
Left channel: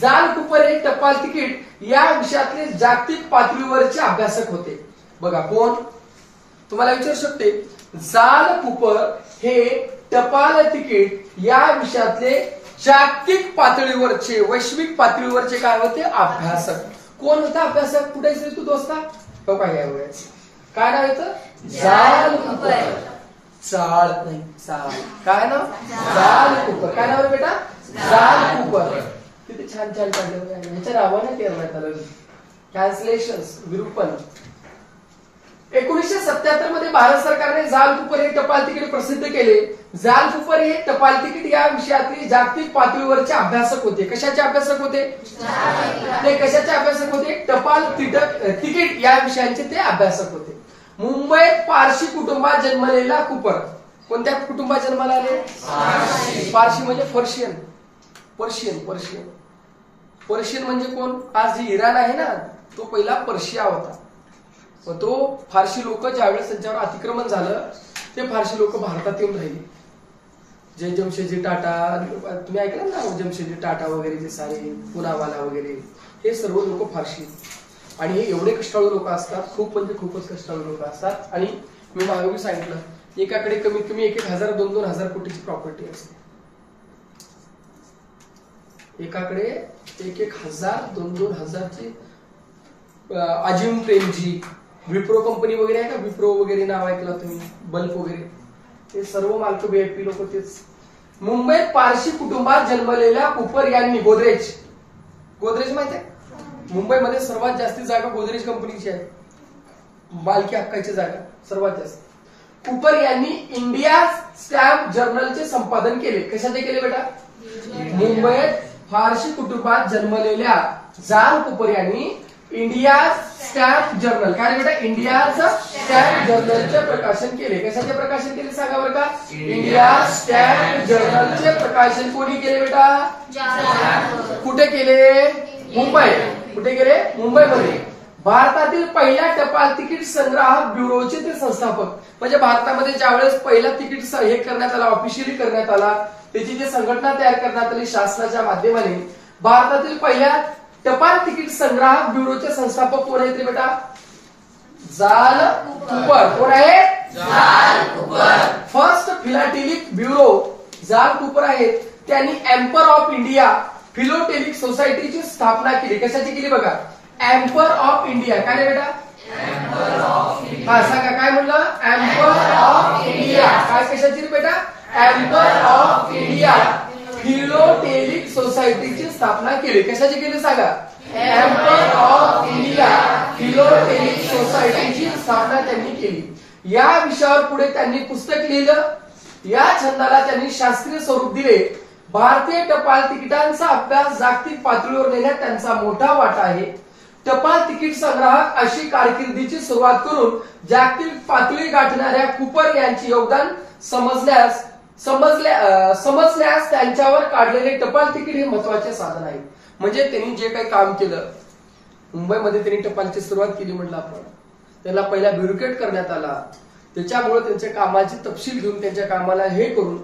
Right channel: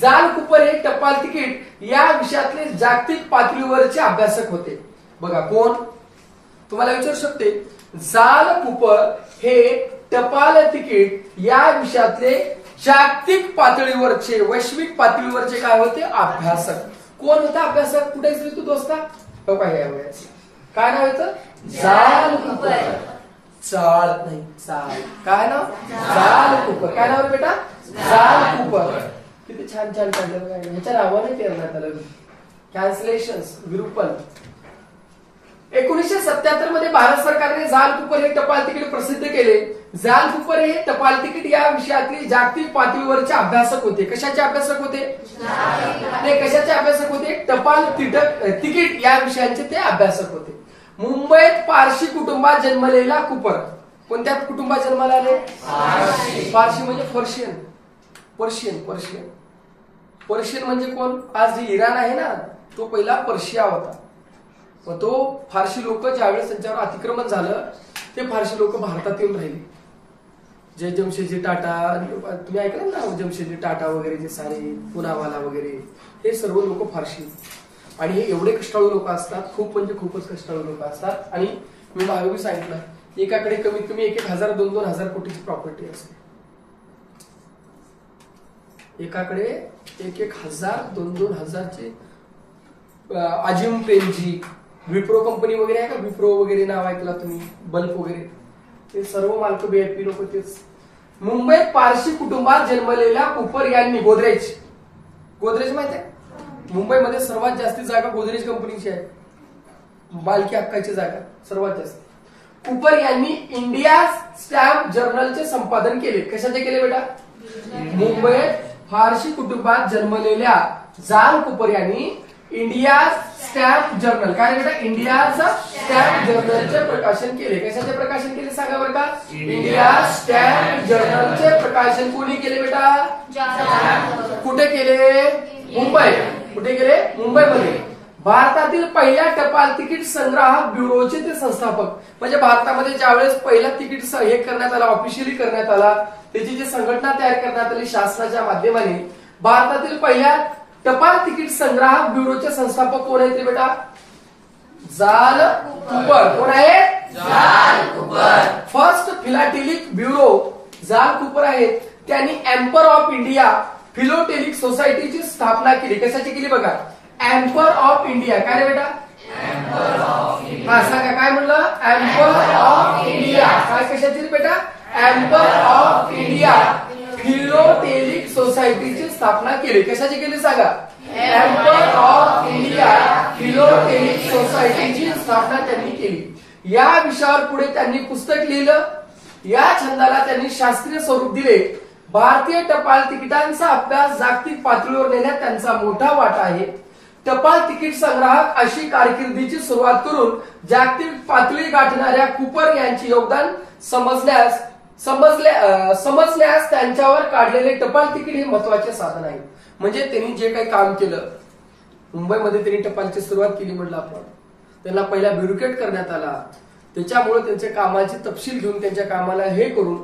जाल कूपर हे टपाल तिकीट या विषयातले जागतिक पातळीवरचे अभ्यासक होते. बघा कोण, तुम्हाला विचारू शकते, जाल कूपर हे टपाल तिकीट या विषयातले जागतिक पातळीवरचे, वैश्विक पातळीवरचे काय होते, अभ्यासक. कोण होता अभ्यासक, कुठे तू दोस्ता, काय नाव येतं, जाल कूपर. जाळ नाही, जाळ. काय नाव? जाल कुपर. काय नाव रे बेटा? जाल कुपर. किती छान छान काढलं बघा. ह्याच्या नावाने करण्यात आलं. कॅन्सलेशन, विरूपण. 1977 मध्ये भारत सरकारने जाल कुपर हे टपाल तिकीट प्रसिद्ध केले. जाल कुपर हे टपाल तिकीट या विषयातले जागतिक पातळीवरचे अभ्यासक होते. कशाचे अभ्यासक होते? ते कशाचे अभ्यासक होते? टपाल तिकीट या विषयांचे ते अभ्यासक होते. मुंबईत पारशी कुटुंबात जन्मलेला कुपर. कोणत्या कुटुंबात जन्माला आले? पारशी म्हणजे पर्शियन. पर्शियन पर्शियन पर्शियन म्हणजे कोण? आज जे इराण आहे ना, तो पहिला पर्शिया होता. व तो फारशी लोक ज्यावेळेस त्यांच्यावर अतिक्रमण झालं, ते फारशी लोक भारतात येऊन राहिले. जे जमशेदजी टाटा, तुम्ही ऐकलं ना, जमशेदजी टाटा वगैरे जे सारे पुनावाला वगैरे, हे सर्व लोक फारशी. आणि हे एवढे कष्टाळू लोक असतात, खूप म्हणजे खूपच कष्टाळू लोक असतात. आणि मी मागे सांगितलं, एकाकडे कमीत कमी 1,000 2,000 कोटीची प्रॉपर्टी असते. एकाकडे 1,000 2,000ची. अजिम प्रेमजी, विप्रो कंपनी वगैरे आहे का? विप्रो वगैरे नाव ऐकला तुम्ही? बल्ब वगैरे, ते सर्व मालक VIP लोक तेच. मुंबईत पारशी कुटुंबात जन्मलेल्या कुपर यांनी गोदरेज. गोदरेज माहित आहे? मुंबईमध्ये सर्वात जास्ती जागा गोदरेज कंपनीची आहे. मालकी हक्काची जागा सर्वात जास्त. कुपर यांनी इंडिया स्टॅम्प जर्नलचे संपादन केले. कशाचे केले बेटा? मुंबईत फारशी कुटुंबात जन्मलेल्या जाल कुपर यांनी इंडिया स्टॅम्प जर्नल, काय बेटा? इंडियाचं स्टॅम्प जर्नलचे प्रकाशन केले. कशाचे प्रकाशन केले सांगा बरं का? इंडिया स्टॅम्प जर्नलचे प्रकाशन कोणी केले बेटा? कुठे केले? मुंबई. कुठे गेले? मुंबईमध्ये. भारतातील पहिल्या टपाल तिकीट संग्राहक ब्युरोचे ते संस्थापक. म्हणजे भारतामध्ये ज्यावेळेस पहिला तिकीट हे करण्यात आला, ऑफिशियली करण्यात आला, त्याची जी संघटना तयार करण्यात आली शासनाच्या माध्यमाने, भारतातील पहिल्या टपाल तिकीट संग्राहक ब्युरोचे संस्थापक कोण आहेत रे बेटा? जाल कुपर. कोण आहे? जाल कुपर. फर्स्ट फिलाटेलिक ब्युरो जाल कुपर आहेत. त्यांनी एम्पर ऑफ इंडिया फिलोटेलिक सोसायटीची स्थापना केली. कशाची केली बघा? Emperor of India. काय रे बेटा? हा सांगा, काय म्हणलं? Emperor of India. काय कशाची रे बेटा? एम्पर ऑफ इंडिया फिलोटेलिक सोसायटीची स्थापना केली. कशाची केली सांगा? एम्पर ऑफ इंडिया फिलोटेलिक सोसायटीची स्थापना त्यांनी केली. या विषयावर पुढे त्यांनी पुस्तक लिहिलं. या छंदाला त्यांनी शास्त्रीय स्वरूप दिले. भारतीय टपाल तिकिटांचा अभ्यास जागतिक पातळीवर नेण्यात त्यांचा मोठा वाटा आहे. टपाल तिकीट संग्राहक अशी कारकिर्दीची सुरुवात करून जागतिक पातळी गाठणाऱ्या कुपर यांचे योगदान समजण्यास त्यांच्यावर काढलेले टपाल तिकीट हे महत्वाचे साधन आहे. म्हणजे त्यांनी जे काही काम केलं, मुंबईमध्ये त्यांनी टपालची सुरुवात केली म्हटलं आपण, त्यांना पहिला ब्युरोक्रेट करण्यात आला. त्याच्यामुळे त्यांच्या कामाची तपशील घेऊन त्यांच्या कामाला हे करून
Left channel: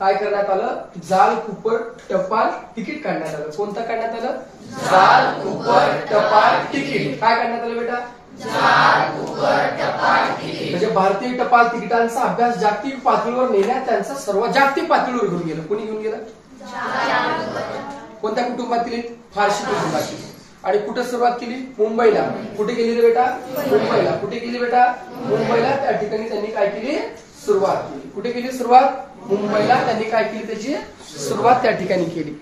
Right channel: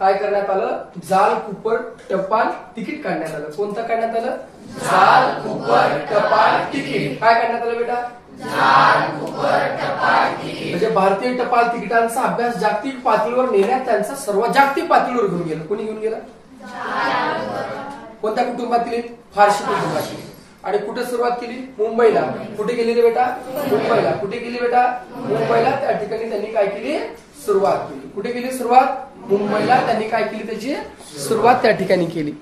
काय करण्यात आलं? जाल कुपर टपाल तिकीट काढण्यात आलं. कोणतं काढण्यात आलं? जाल कुपर टपाल तिकीट. काय काढण्यात आलं बेटा? जाल कुपर टपाल तिकीट. म्हणजे भारतीय टपाल तिकिटांचा अभ्यास जागतिक पातळीवर नेण्यात त्यांचा सर्वात जागतिक पातळीवर घेऊन गेलं. कोणी घेऊन गेलं? कोणत्या कुटुंबातील? फारशी कुटुंबातील. आणि कुठे सुरुवात केली? मुंबईला. कुठे गेली रे बेटा? मुंबईला. कुठे गेली बेटा? मुंबईला. त्या ठिकाणी त्यांनी काय केली? सुरुवात केली. कुठे केली सुरुवात? मुंबईला. त्यांनी काय केली? त्याची सुरुवात त्या ठिकाणी केली.